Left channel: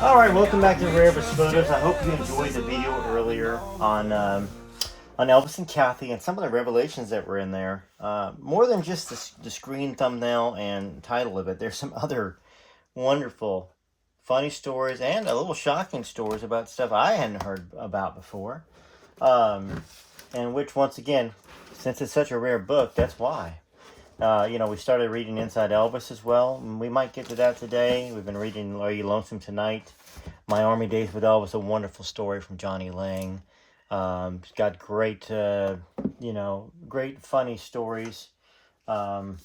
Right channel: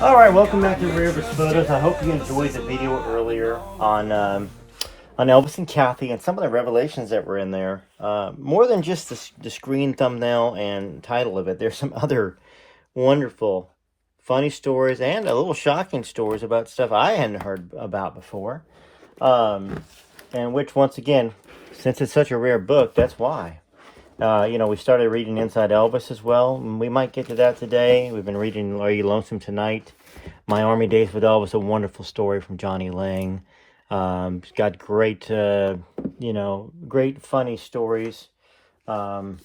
All right, welcome back to Rare Elvis Photos. I hope you enjoyed the video earlier on Elvis and Kathy and some of the revelations that were in there. More than just the screen thumbnail and title of it, there's some other wonderful, funny stories and a little shocking stories about stuff I hadn't heard about before. And which, once again, since it's such a rare book, that's why. We started reading Inside Elvis as well. And we might get to that today. We've been reading Are You Lonesome Tonight? My Army Days with Elvis, a wonderful story from Johnny Lang. It's got great, great funny stories. From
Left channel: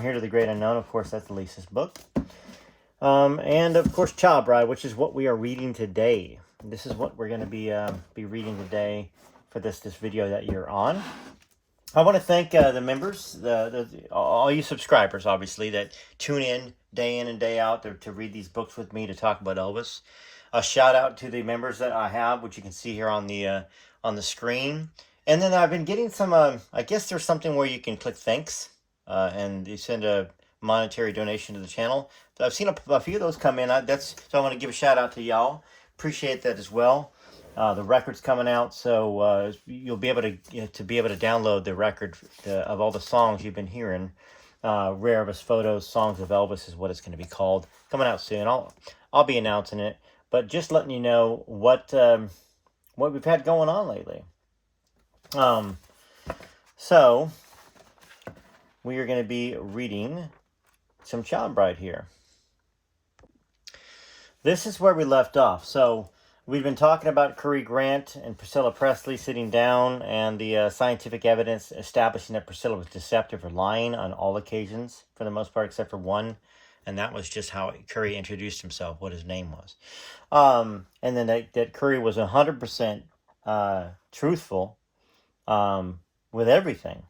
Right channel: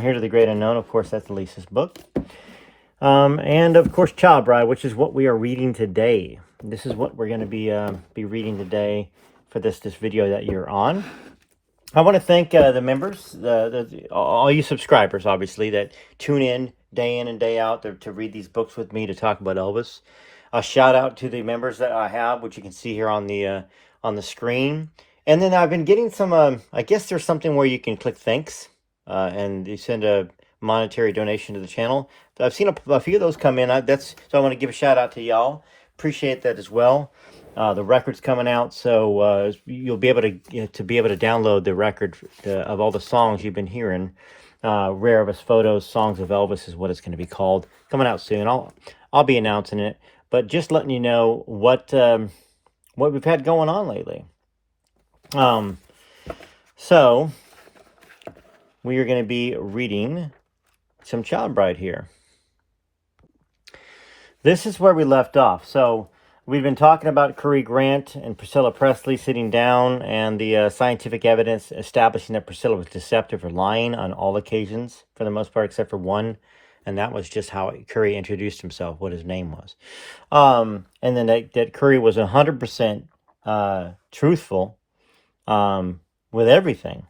Here to the Great Unknown, of course, that's Lisa's book. And, of course, Child Bride, which is what we are reading today. This is what we're going to be reading today for this video that you're on. I want to thank the members, all you subscribers, obviously, that tune in and day out to read these books with me, to talk about Elvis. A shout out to the members that I have, which you can see here on the screen. And then I've been getting some, I guess there's something where you can click thanks, and you send a monetary donation to the channel. I've seen a few of those come in. So I want to give a shout out to y'all. Appreciate that as well. The record's coming out, so you'll be able to download the record of all the songs you've been hearing. Rare Elvis Photos, Songs of Elvis is what it's going to be called. Coming out soon. I'll be announcing it, but just letting you know what we've had going on lately. So we are going to be reading some Child Bride here. This is where we left off. So we've been talking about Curry Grant and Priscilla Presley sitting down, and the scientific evidence establishing that Priscilla was deceptive or lying on all occasions, for the most part, except for one, and that was just how Curry introduced himself, what his name was. And then that Curry was 100% truthful with everything.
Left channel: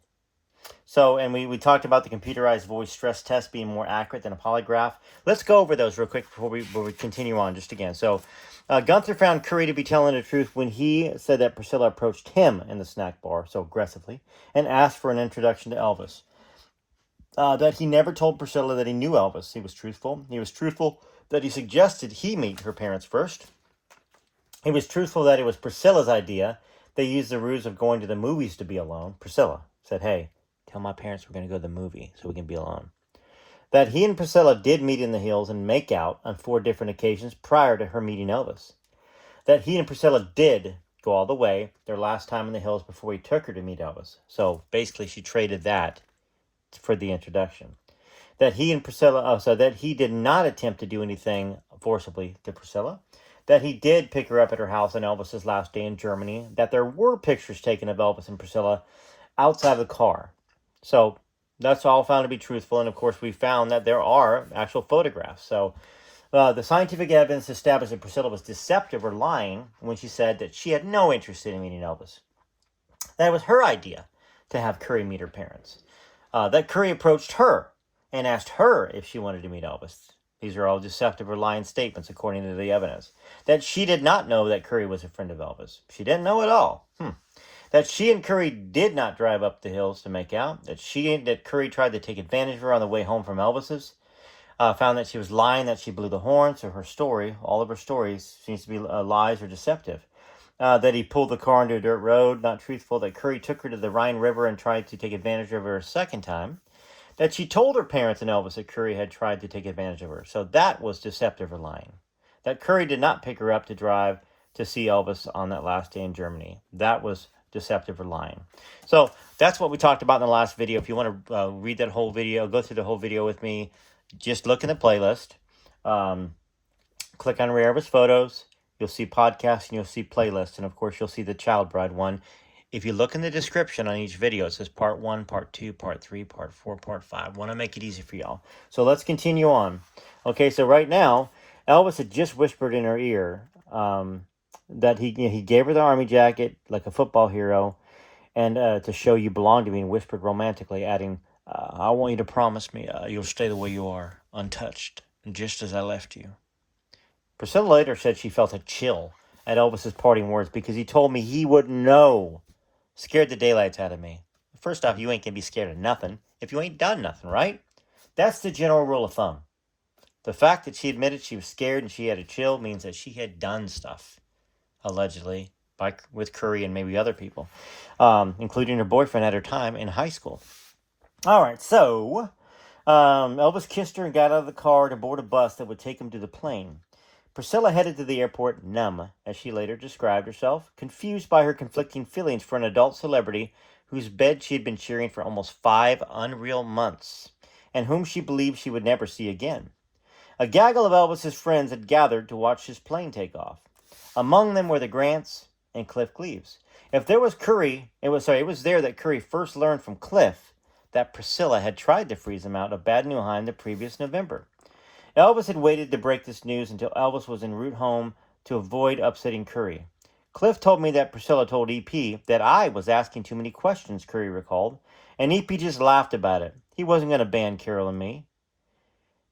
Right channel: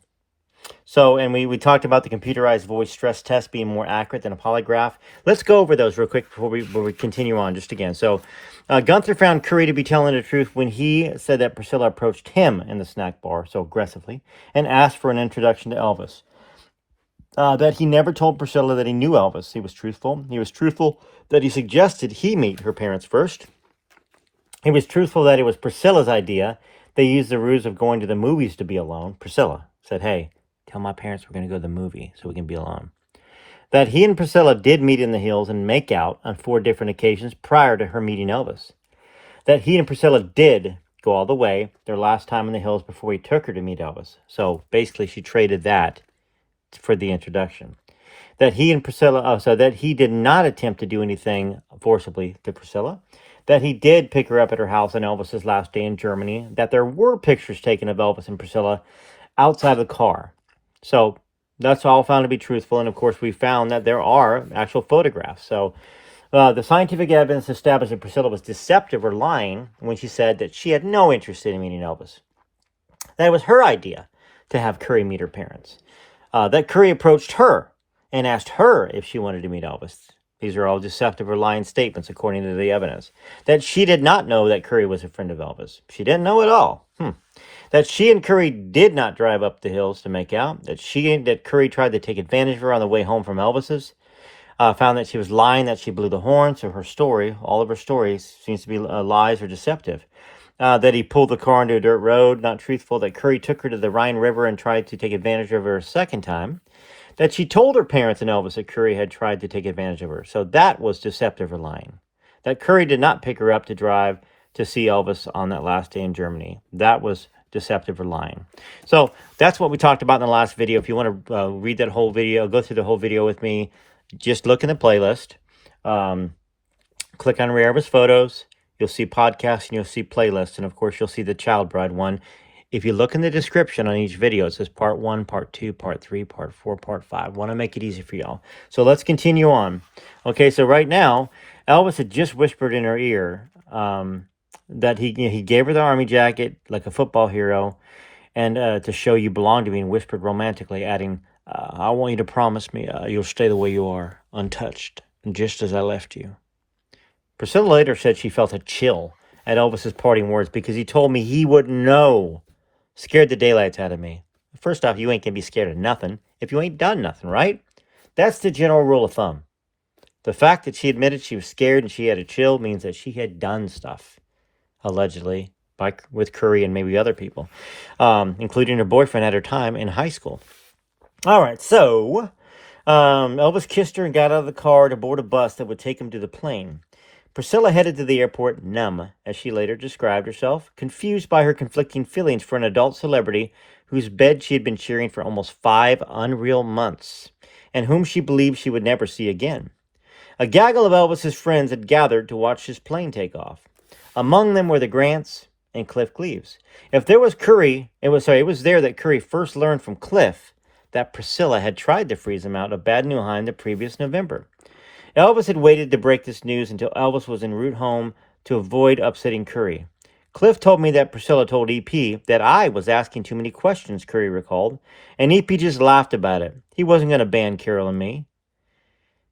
So, and we talked about the computerized voice stress test being more accurate than a polygraph. Let's go over those real quick before we continue on just again. So, Gunther found Curry to be telling the truth when he said that Priscilla approached him in the snack bar so aggressively and asked for an introduction to Elvis. That he never told Priscilla that he knew Elvis. He was truthful. He was truthful that he suggested he meet her parents first. He was truthful that it was Priscilla's idea. They used the ruse of going to the movies to be alone. Priscilla said, "Hey, tell my parents we're going to go to the movie so we can be alone." That he and Priscilla did meet in the hills and make out on 4 different occasions prior to her meeting Elvis. That he and Priscilla did go all the way their last time in the hills before he took her to meet Elvis. So basically she traded that for the introduction. That he and Priscilla, so that he did not attempt to do anything forcibly to Priscilla. That he did pick her up at her house on Elvis's last day in Germany. That there were pictures taken of Elvis and Priscilla outside the car. So that's all found to be truthful. And of course, we found that there are actual photographs. So the scientific evidence established that Priscilla was deceptive or lying when she said that she had no interest in meeting Elvis. That it was her idea to have Curry meet her parents. That Curry approached her and asked her if she wanted to meet Elvis. These are all deceptive or lying statements according to the evidence. That she did not know that Curry was a friend of Elvis. She didn't know at all. That she and Curry did not drive up the hills to make out. That Curry tried to take advantage of her on the way home from Elvis's. Found that she was lying, that she blew the horn. So her story, all of her stories, seems to be lies or deceptive. That he pulled the car into a dirt road, not truthful. That Curry took her to the Rhine River and tried to take advantage of her a second time. That she told her parents and Elvis that Curry had tried to take advantage of her. So that was deceptive or lying. That Curry did not pick her up to drive to see Elvis on that last day in Germany. That was deceptive or lying. So that's what we talked about in the last video. If you want to read that whole video, go through the whole video with me, just look in the playlist. Click on Rare Elvis Photos. You'll see podcasts and you'll see playlists. And of course, you'll see the Child Bride one. If you look in the description on each video, it says part 1, part 2, part 3, part 4, part 5. I want to make it easy for y'all. So let's continue on. Okay, so right now, Elvis had just whispered in her ear that he gave her the army jacket like a football hero, and to show you belong to me, and whispered romantically, adding, "I want you to promise me you'll stay the way you are, untouched, and just as I left you." Priscilla later said she felt a chill at Elvis's parting words because he told me he wouldn't know. Scared the daylights out of me. First off, you ain't gonna be scared of nothing if you ain't done nothing, right? That's the general rule of thumb. The fact that she admitted she was scared and she had a chill means that she had done stuff, allegedly, with Curry and maybe other people, including her boyfriend at her time in high school. All right, so Elvis kissed her and got out of the car to board a bus that would take him to the plane. Priscilla headed to the airport numb, as she later described herself, confused by her conflicting feelings for an adult celebrity whose bed she had been sharing for almost 5 unreal months, and whom she believed she would never see again. A gaggle of Elvis's friends had gathered to watch his plane take off. Among them were the Grants and Cliff Cleaves. If there was Curry, it was there that Curry first learned from Cliff that Priscilla had tried to freeze him out of Bad Nauheim the previous November. Elvis had waited to break this news until Elvis was en route home to avoid upsetting Curry. Cliff told me that Priscilla told EP that I was asking too many questions, Curry recalled, and EP just laughed about it. He wasn't going to ban Carol and me.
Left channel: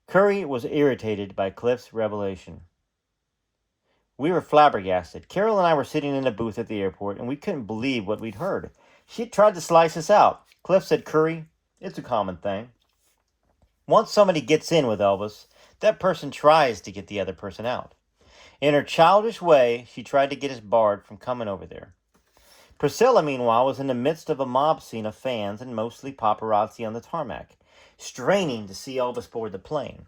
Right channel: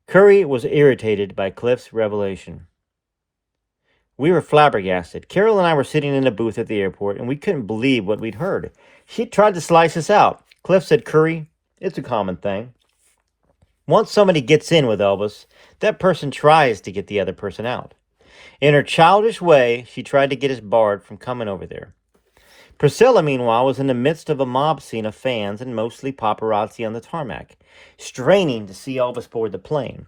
Curry was irritated by Cliff's revelation. We were flabbergasted. Carol and I were sitting in a booth at the airport, and we couldn't believe what we'd heard. She tried to slice us out. Cliff said, Curry, it's a common thing. Once somebody gets in with Elvis, that person tries to get the other person out. In her childish way, she tried to get us barred from coming over there. Priscilla, meanwhile, was in the midst of a mob scene of fans and mostly paparazzi on the tarmac, straining to see Elvis board the plane.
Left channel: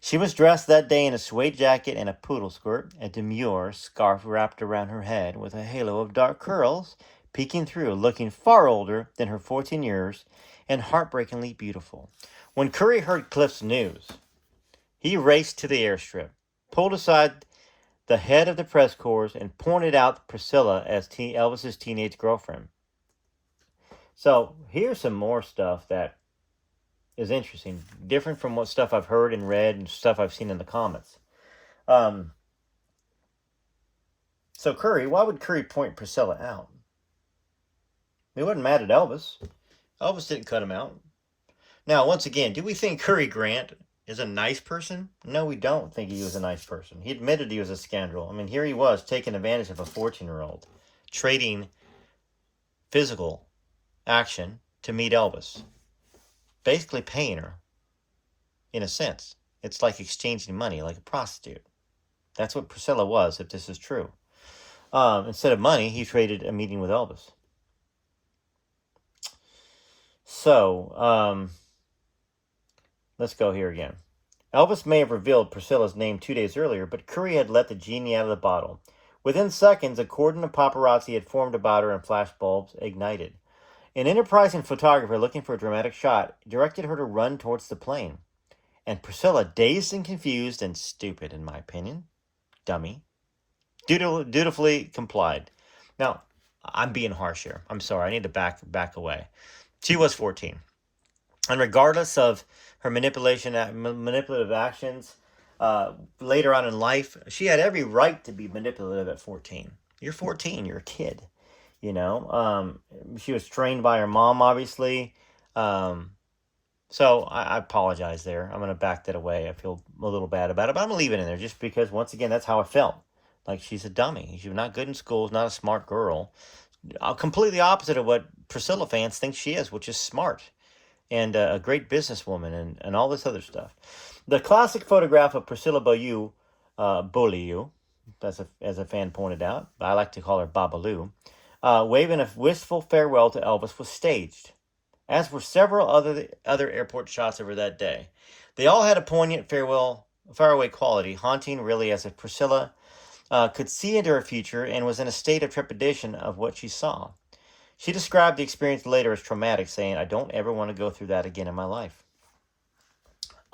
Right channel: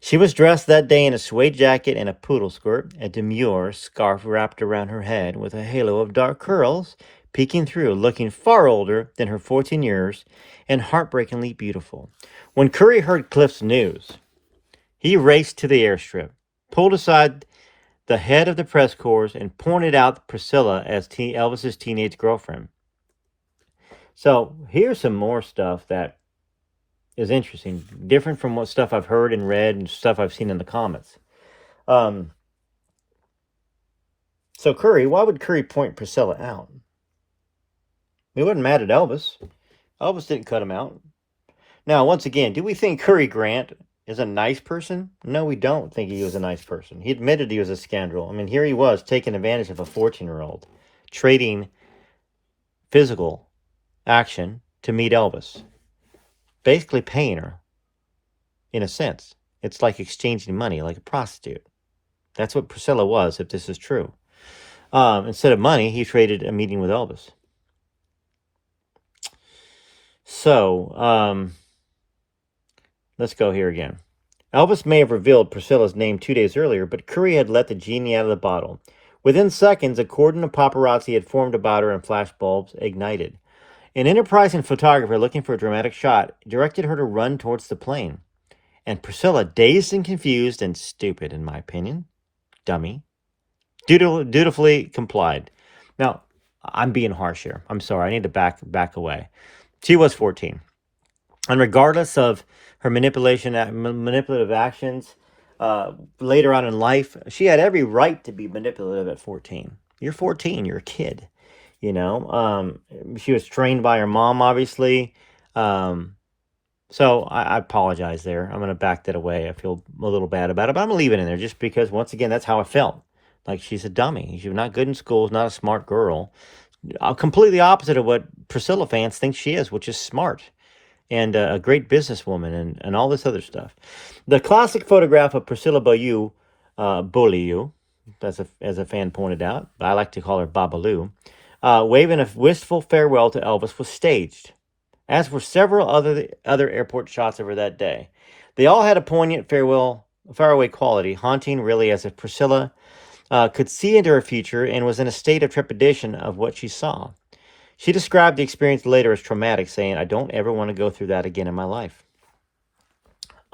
She was dressed that day in a suede jacket and a poodle skirt, a demure scarf wrapped around her head with a halo of dark curls peeking through, looking far older than her 14 years and heartbreakingly beautiful. When Curry heard Cliff's news, he raced to the airstrip, pulled aside the head of the press corps, and pointed out Priscilla as Elvis's teenage girlfriend. So here's some more stuff that is interesting, different from what stuff I've heard and read and stuff I've seen in the comments. So Curry, why would Curry point Priscilla out? He wasn't mad at Elvis. Elvis didn't cut him out. Now, once again, do we think Curry Grant is a nice person? No, we don't think he was a nice person. He admitted he was a scoundrel. I mean, here he was taking advantage of a 14-year-old, trading physical action to meet Elvis. Basically paying her, in a sense. It's like exchanging money, like a prostitute. That's what Priscilla was, if this is true. Instead of money, he traded a meeting with Elvis. So, let's go here again. Elvis may have revealed Priscilla's name 2 days earlier, but Curry had let the genie out of the bottle. Within seconds, a cordon of paparazzi had formed about her and flashbulbs ignited. An enterprising photographer looking for a dramatic shot directed her to run towards the plane. And Priscilla, dazed and confused and stupid, in my opinion, dummy, dutifully complied. Now, I'm being harsh here. I'm sorry. I need to back away. She was 14. And regardless of her manipulative actions later on in life, she had every right to be manipulative at 14. You're 14. You're a kid. You know, she was trained by her mom, obviously. So I apologize there. I'm going to back that away. I feel a little bad about it, but I'm going to leave it in there just because, once again, that's how I felt. Like, she's a dummy. She's not good in school. She's not a smart girl. Completely opposite of what Priscilla fans think she is, which is smart and a great businesswoman and all this other stuff. The classic photograph of Priscilla Beaulieu, as a fan pointed out, I like to call her Babalu, waving a wistful farewell to Elvis, was staged, as were several other airport shots of her that day. They all had a poignant faraway quality, haunting really, as if Priscilla could see into her future and was in a state of trepidation of what she saw. She described the experience later as traumatic, saying, "I don't ever want to go through that again in my life."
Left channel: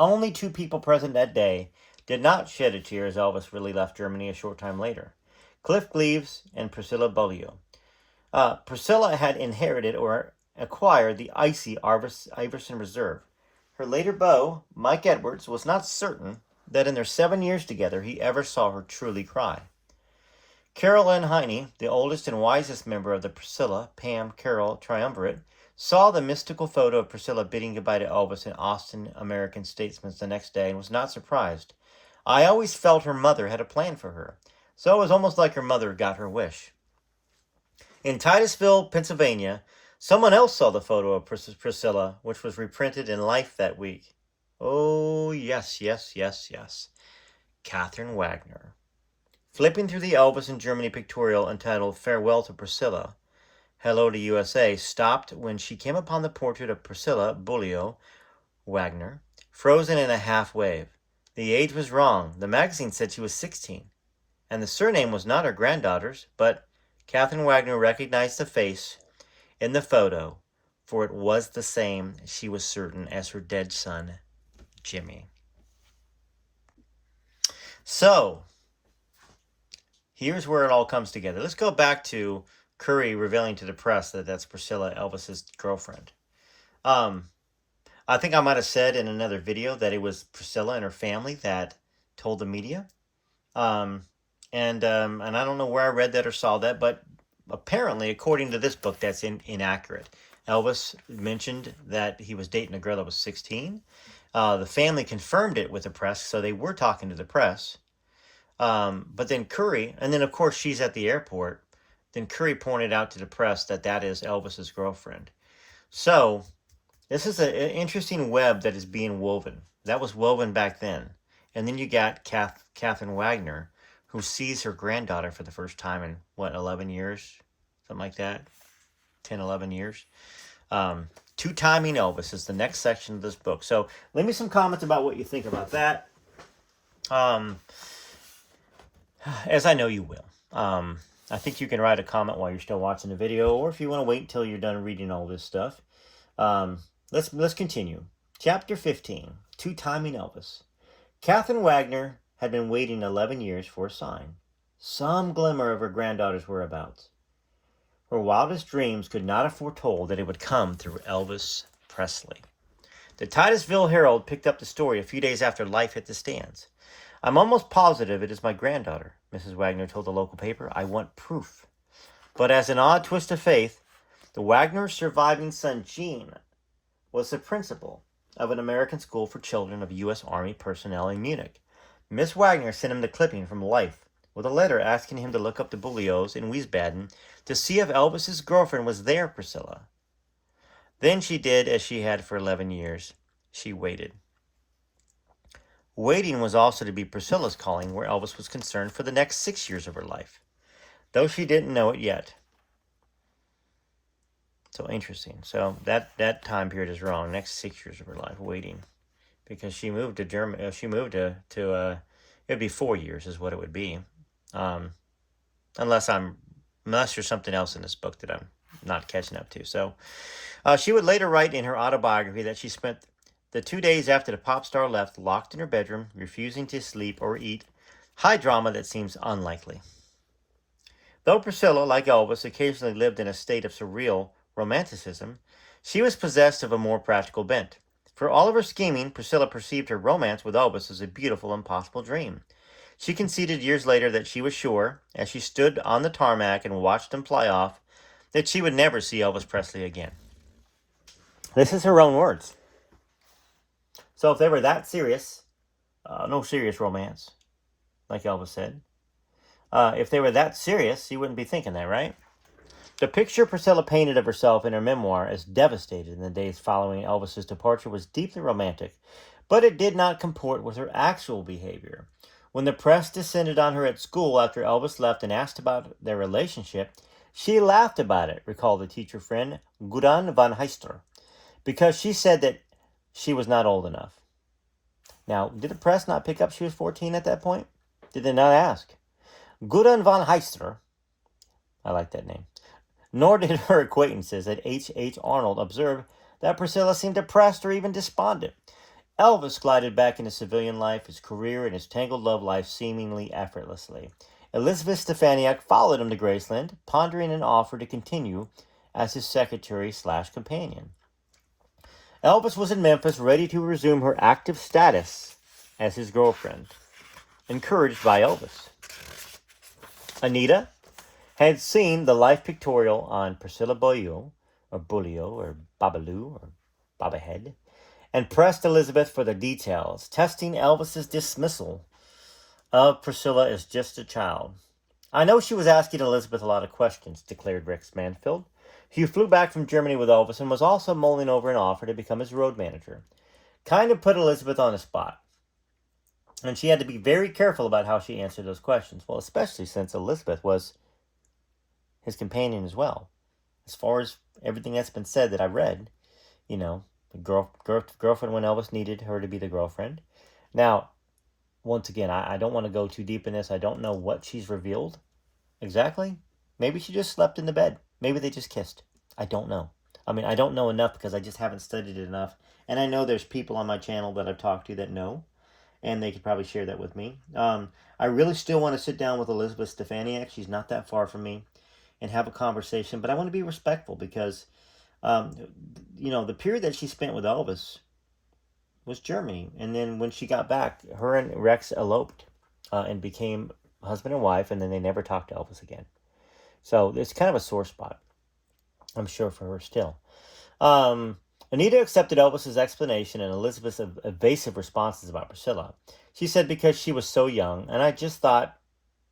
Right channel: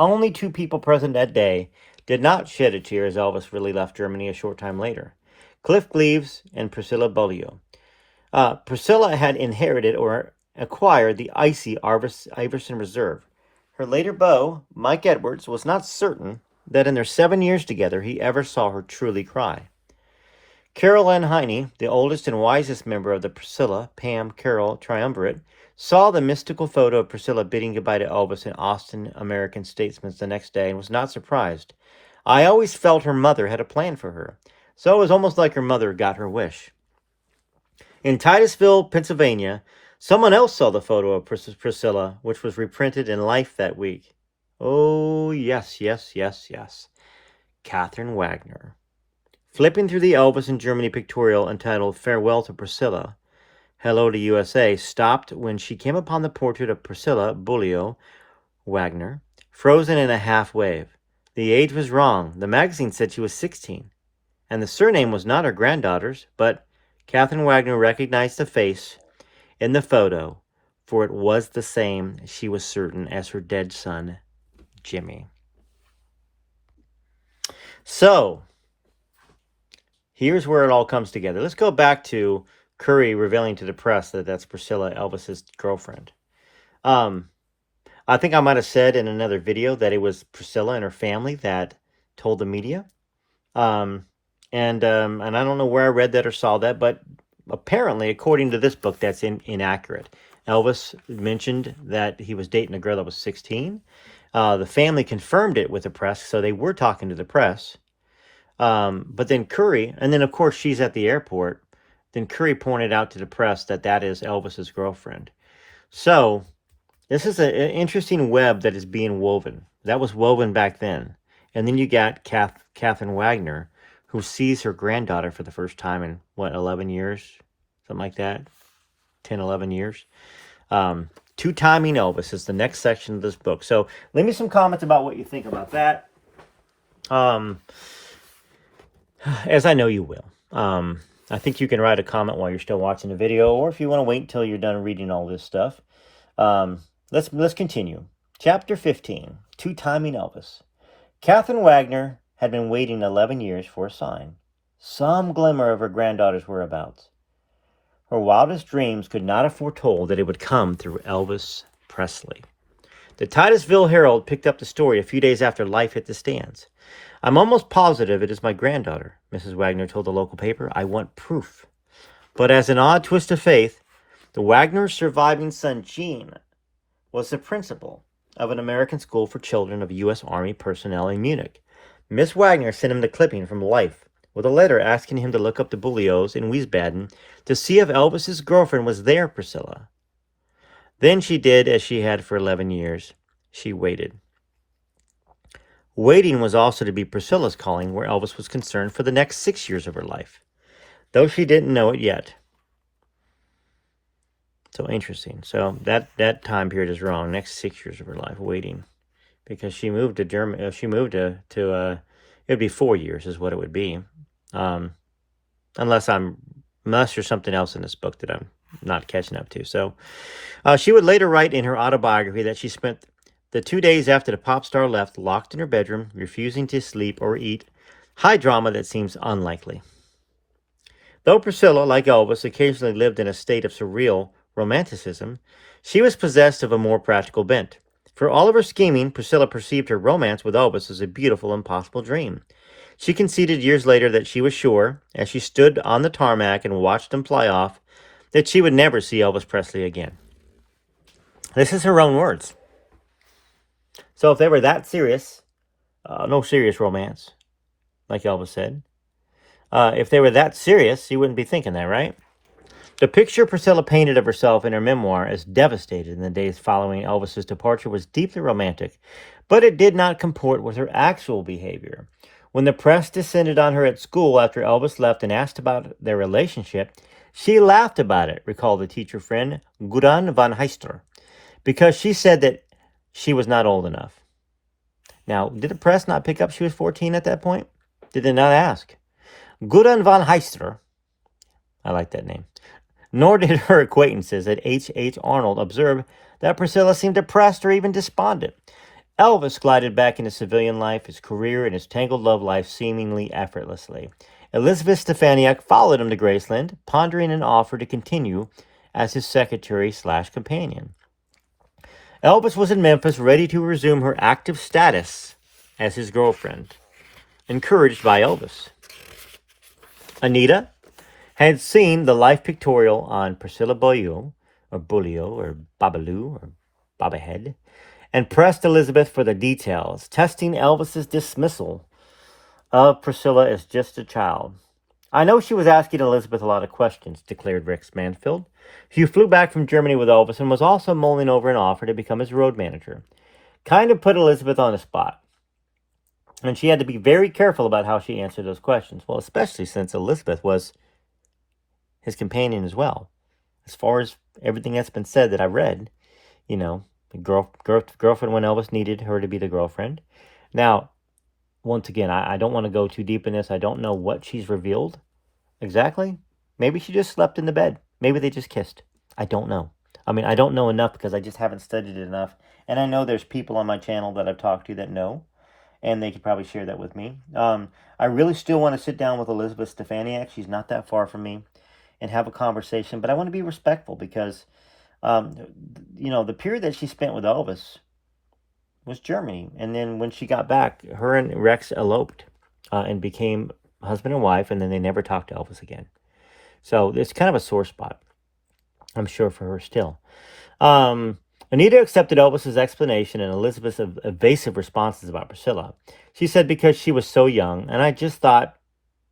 Only 2 people present that day did not shed a tear as Elvis really left Germany a short time later: Cliff Cleaves and Priscilla Beaulieu. Priscilla had inherited or acquired the icy Iverson Reserve. Her later beau, Mike Edwards, was not certain that in their 7 years together he ever saw her truly cry. Caroline Heine, the oldest and wisest member of the Priscilla, Pam, Carol triumvirate, saw the mystical photo of Priscilla bidding goodbye to Elvis in Austin American Statesman the next day and was not surprised. "I always felt her mother had a plan for her, so it was almost like her mother got her wish." In Titusville, Pennsylvania, someone else saw the photo of Priscilla, which was reprinted in Life that week. Oh, yes, yes, yes, yes. Catherine Wagner. Flipping through the Elvis in Germany pictorial entitled Farewell to Priscilla, Hello to USA, stopped when she came upon the portrait of Priscilla Bullio Wagner, frozen in a half wave. The age was wrong. The magazine said she was 16, and the surname was not her granddaughter's, but Catherine Wagner recognized the face in the photo, for it was the same, she was certain, as her dead son, Jimmy. So, here's where it all comes together. Let's go back to Curry revealing to the press that that's Priscilla, Elvis's girlfriend. I think I might have said in another video that it was Priscilla and her family that told the media. And I don't know where I read that or saw that, but apparently, according to this book, that's inaccurate. Elvis mentioned that he was dating a girl that was 16. The family confirmed it with the press, so they were talking to the press. But then Curry, and then of course she's at the airport, then Curry pointed out to the press that that is Elvis's girlfriend. So this is an interesting web that is being woven. That was woven back then. And then you got Catherine Wagner, who sees her granddaughter for the first time in, 11 years? Something like that. 10, 11 years. Two-timing Elvis is the next section of this book. So leave me some comments about what you think about that. As I know you will. I think you can write a comment while you're still watching the video, or if you want to wait until you're done reading all this stuff. Let's continue. Chapter 15, Two-Timing Elvis. Catherine Wagner had been waiting 11 years for a sign, some glimmer of her granddaughter's whereabouts. Her wildest dreams could not have foretold that it would come through Elvis Presley. The Titusville Herald picked up the story a few days after life hit the stands. I'm almost positive it is my granddaughter, Mrs. Wagner told the local paper. I want proof. But as an odd twist of fate, the Wagner's surviving son, Gene, was the principal of an American school for children of U.S. Army personnel in Munich. Miss Wagner sent him the clipping from Life with a letter asking him to look up the Bullios in Wiesbaden to see if Elvis's girlfriend was there, Priscilla. Then she did as she had for 11 years. She waited. Waiting was also to be Priscilla's calling where Elvis was concerned for the next 6 years of her life, though she didn't know it yet. So interesting. So that time period is wrong. Next 6 years of her life, waiting, because she moved to Germany. She moved to it'd be 4 years is what it would be, unless there's something else in this book that I'm not catching up to. So she would later write in her autobiography that she spent the 2 days after the pop star left locked in her bedroom, refusing to sleep or eat. High drama that seems unlikely. Though Priscilla, like Elvis, occasionally lived in a state of surreal romanticism, she was possessed of a more practical bent. For all of her scheming, Priscilla perceived her romance with Elvis as a beautiful, impossible dream. She conceded years later that she was sure, as she stood on the tarmac and watched them fly off, that she would never see Elvis Presley again. This is her own words. So if they were that serious, no serious romance, like Elvis said. If they were that serious, you wouldn't be thinking that, right? The picture Priscilla painted of herself in her memoir as devastated in the days following Elvis's departure was deeply romantic, but it did not comport with her actual behavior. When the press descended on her at school after Elvis left and asked about their relationship, she laughed about it, recalled the teacher friend Gudrun von Heister, because she said that she was not old enough. Now, did the press not pick up she was 14 at that point? Did they not ask? Gudrun von Heister, I like that name, nor did her acquaintances at H.H. Arnold observe that Priscilla seemed depressed or even despondent. Elvis glided back into civilian life, his career and his tangled love life seemingly effortlessly. Elizabeth Stefaniak followed him to Graceland, pondering an offer to continue as his secretary/companion. Elvis was in Memphis, ready to resume her active status as his girlfriend, encouraged by Elvis. Anita had seen the life pictorial on Priscilla Bullio, or Babaloo, or Babahead, and pressed Elizabeth for the details, testing Elvis's dismissal of Priscilla as just a child. I know she was asking Elizabeth a lot of questions, declared Rex Mansfield, who flew back from Germany with Elvis and was also mulling over an offer to become his road manager. kind of put Elizabeth on the spot. And she had to be very careful about how she answered those questions. Well, especially since Elizabeth was his companion as well. As far as everything that's been said that I read, you know, girlfriend when Elvis needed her to be the girlfriend. Now, once again, I don't want to go too deep in this. I don't know what she's revealed exactly. Maybe she just slept in the bed. Maybe they just kissed. I don't know. I mean, I don't know enough because I just haven't studied it enough. And I know there's people on my channel that I've talked to that know, and they could probably share that with me. I really still want to sit down with Elizabeth Stefaniak. She's not that far from me, and have a conversation. But I want to be respectful because, the period that she spent with Elvis was Germany. And then when she got back, her and Rex eloped and became husband and wife, and then they never talked to Elvis again. So it's kind of a sore spot, I'm sure, for her still. Anita accepted Elvis's explanation and Elizabeth's evasive responses about Priscilla. She said because she was so young, and I just thought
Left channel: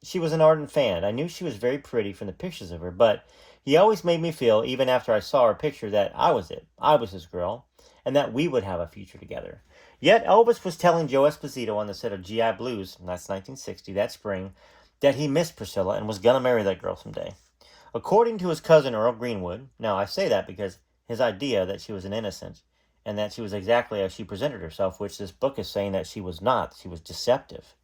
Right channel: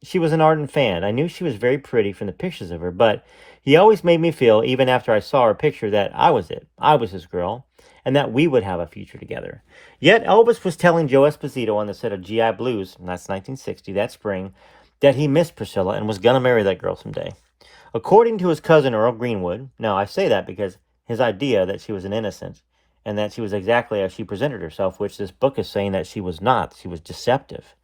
she was an ardent fan. I knew she was very pretty from the pictures of her, but he always made me feel, even after I saw her picture, that I was it. I was his girl, and that we would have a future together. Yet Elvis was telling Joe Esposito on the set of G.I. Blues, and that's 1960, that spring, that he missed Priscilla and was going to marry that girl someday. According to his cousin Earl Greenwood, now I say that because his idea that she was an innocent and that she was exactly as she presented herself, which this book is saying that she was not. She was deceptive.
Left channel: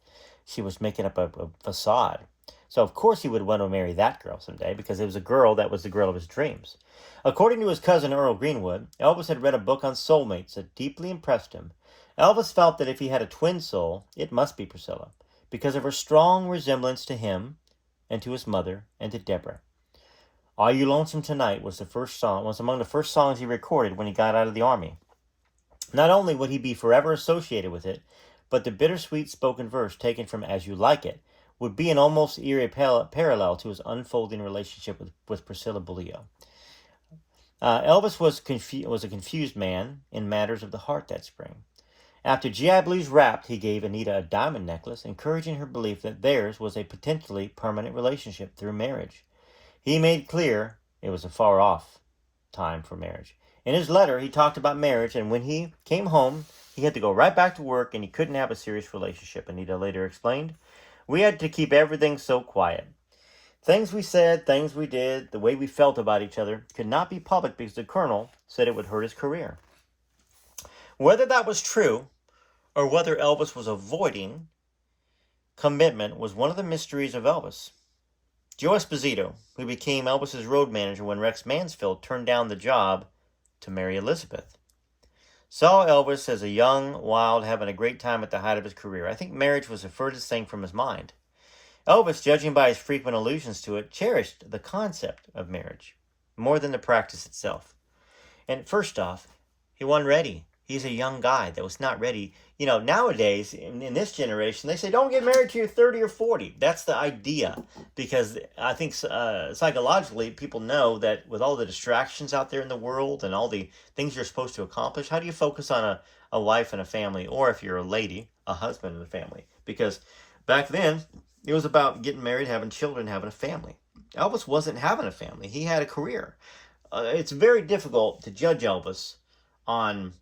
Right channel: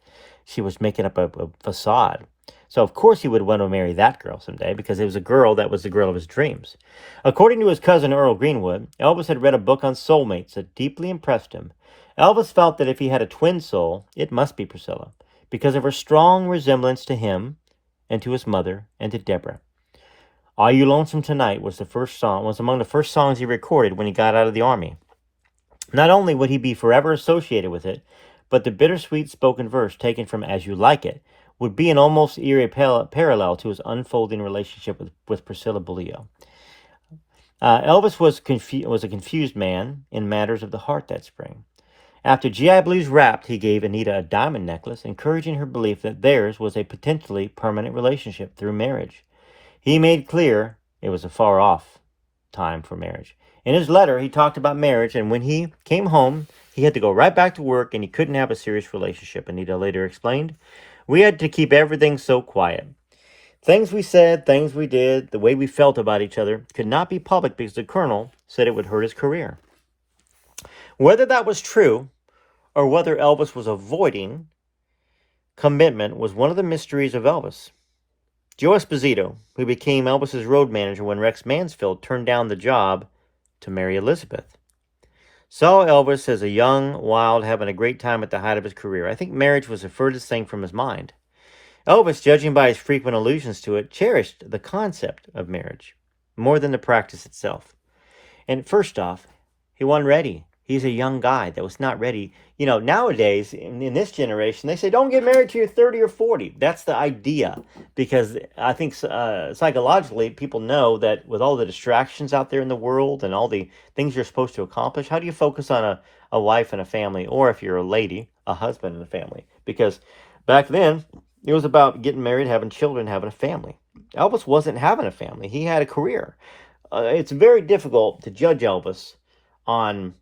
She was making up a facade. So of course he would want to marry that girl someday because it was a girl that was the girl of his dreams. According to his cousin Earl Greenwood, Elvis had read a book on soulmates that deeply impressed him. Elvis felt that if he had a twin soul, it must be Priscilla because of her strong resemblance to him and to his mother and to Deborah. Are You Lonesome Tonight was among the first songs he recorded when he got out of the army. Not only would he be forever associated with it, but the bittersweet spoken verse taken from As You Like It would be an almost eerie parallel to his unfolding relationship with Priscilla Beaulieu. Elvis was a confused man in matters of the heart that spring. After G.I. Blues wrapped, he gave Anita a diamond necklace, encouraging her belief that theirs was a potentially permanent relationship through marriage. He made clear it was a far-off time for marriage. In his letter, he talked about marriage, and when he came home, he had to go right back to work, and he couldn't have a serious relationship, Anita later explained. We had to keep everything so quiet. Things we said, things we did, the way we felt about each other could not be public because the colonel said it would hurt his career. Whether that was true or whether Elvis was avoiding commitment was one of the mysteries of Elvis. Joe Esposito, who became Elvis's road manager when Rex Mansfield turned down the job to marry Elizabeth, saw Elvis as a young, wild, having a great time at the height of his career. I think marriage was the furthest thing from his mind. Elvis, judging by his frequent allusions to it, cherished the concept of marriage more than the practice itself. And first off, he wasn't ready. He's a young guy that was not ready. Nowadays, in this generation, they say, don't get married till you're 30 or 40. That's the idea. Because I think psychologically, people know that with all the distractions out there in the world and all the things you're supposed to accomplish, how do you focus on a wife and a family? Or if you're a lady, a husband and a family? Because back then, it was about getting married, having children, having a family. Elvis wasn't having a family. He had a career. It's very difficult to judge Elvis on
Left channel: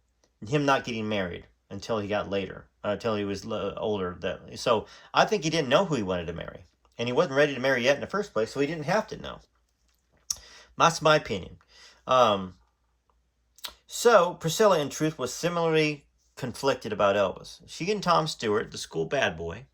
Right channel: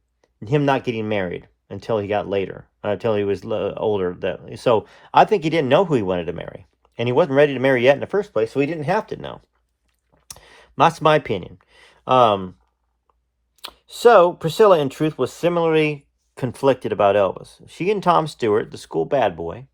him not getting married until he got later, until he was older. So I think he didn't know who he wanted to marry. And he wasn't ready to marry yet in the first place, so he didn't have to know. That's my opinion. So Priscilla, in truth, was similarly conflicted about Elvis. She and Tom Stewart, the school bad boy,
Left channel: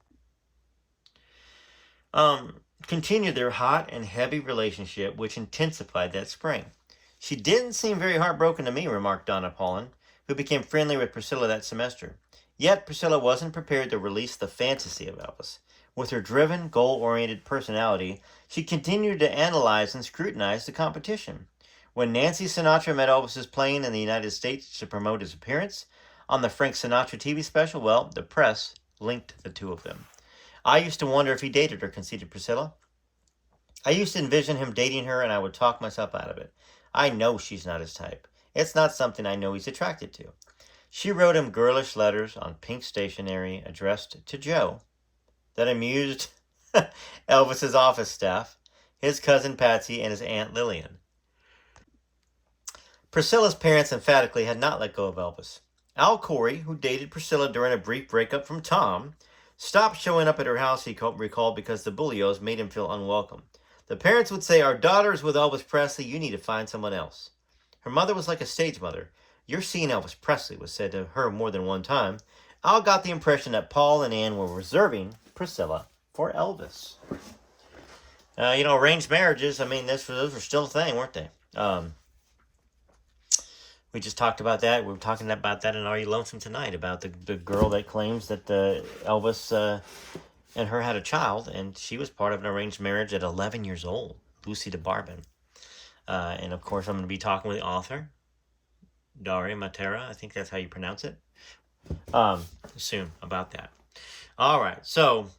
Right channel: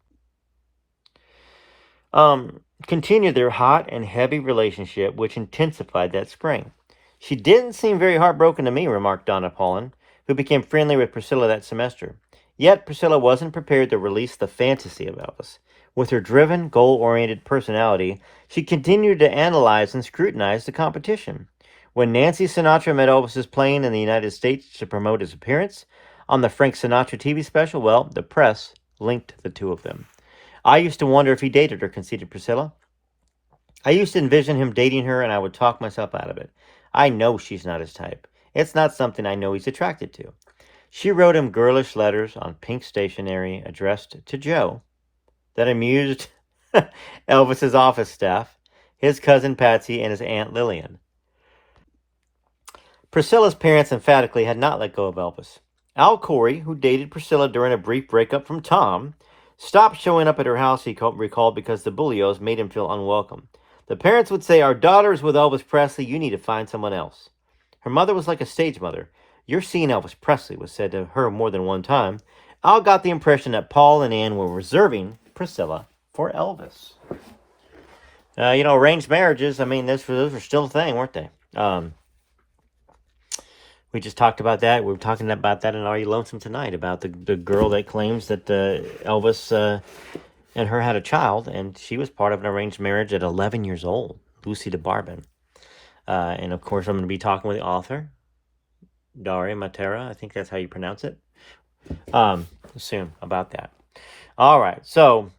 continued their hot and heavy relationship, which intensified that spring. She didn't seem very heartbroken to me, remarked Donna Paulin, who became friendly with Priscilla that semester. Yet Priscilla wasn't prepared to release the fantasy of Elvis. With her driven, goal-oriented personality, she continued to analyze and scrutinize the competition. When Nancy Sinatra met Elvis's plane in the United States to promote his appearance on the Frank Sinatra TV special, well, the press linked the two of them. I used to wonder if he dated her, conceded Priscilla. I used to envision him dating her, and I would talk myself out of it. I know she's not his type. It's not something I know he's attracted to. She wrote him girlish letters on pink stationery addressed to Joe that amused Elvis's office staff, his cousin Patsy, and his Aunt Lillian. Priscilla's parents emphatically had not let go of Elvis. Al Corey, who dated Priscilla during a brief breakup from Tom, stopped showing up at her house, he recalled, because the Bullios made him feel unwelcome. The parents would say, "Our daughter is with Elvis Presley. You need to find someone else." Her mother was like a stage mother. "You're seeing Elvis Presley," was said to her more than one time. Al got the impression that Paul and Ann were reserving Priscilla for Elvis. Arranged marriages, those were still a thing, weren't they? We just talked about that. We were talking about that in Are You Lonesome Tonight, about the girl that claims that Elvis and her had a child, and she was part of an arranged marriage at 11 years old, Lucy DeBarbin. And of course, I'm going to be talking with the author, Daria Matera. I think that's how you pronounce it. Soon about that. All right. So,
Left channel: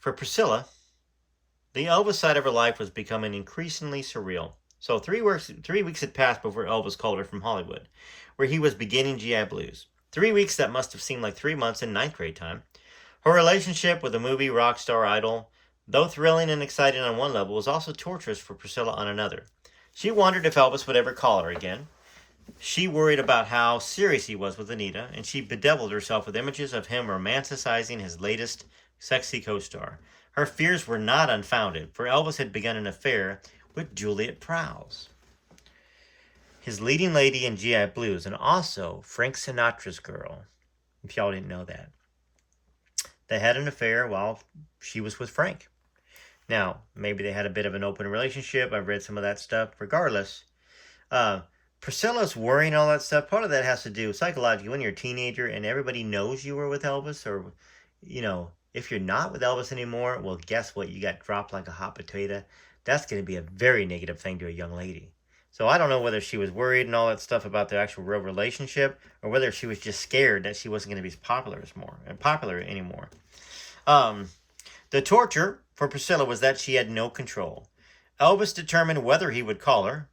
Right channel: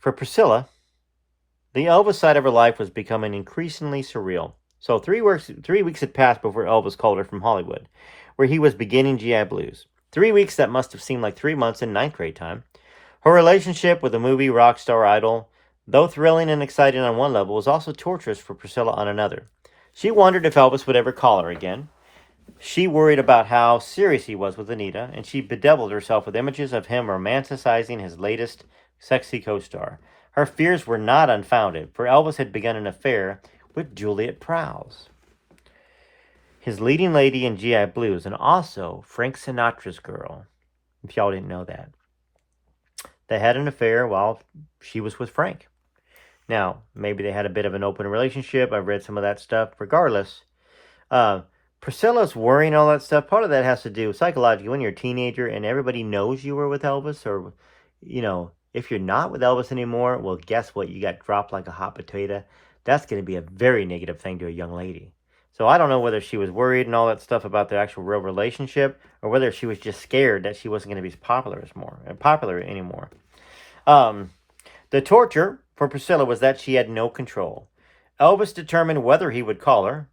for Priscilla, the Elvis side of her life was becoming increasingly surreal. So 3 weeks had passed before Elvis called her from Hollywood, where he was beginning GI Blues. 3 weeks that must have seemed like 3 months in ninth grade time. Her relationship with the movie rock star idol, though thrilling and exciting on one level, was also torturous for Priscilla on another. She wondered if Elvis would ever call her again. She worried about how serious he was with Anita, and she bedeviled herself with images of him romanticizing his latest sexy co-star. Her fears were not unfounded, for Elvis had begun an affair with Juliet Prowse, his leading lady in GI Blues, and also Frank Sinatra's girl, if y'all didn't know that. They had an affair while she was with Frank. Now, maybe they had a bit of an open relationship. I've read some of that stuff. Regardless, Priscilla's worrying all that stuff. Part of that has to do psychologically when you're a teenager and everybody knows you were with Elvis, or, if you're not with Elvis anymore, well, guess what? You got dropped like a hot potato. That's going to be a very negative thing to a young lady. So I don't know whether she was worried and all that stuff about their actual real relationship, or whether she was just scared that she wasn't going to be popular anymore. The torture for Priscilla was that she had no control. Elvis determined whether he would call her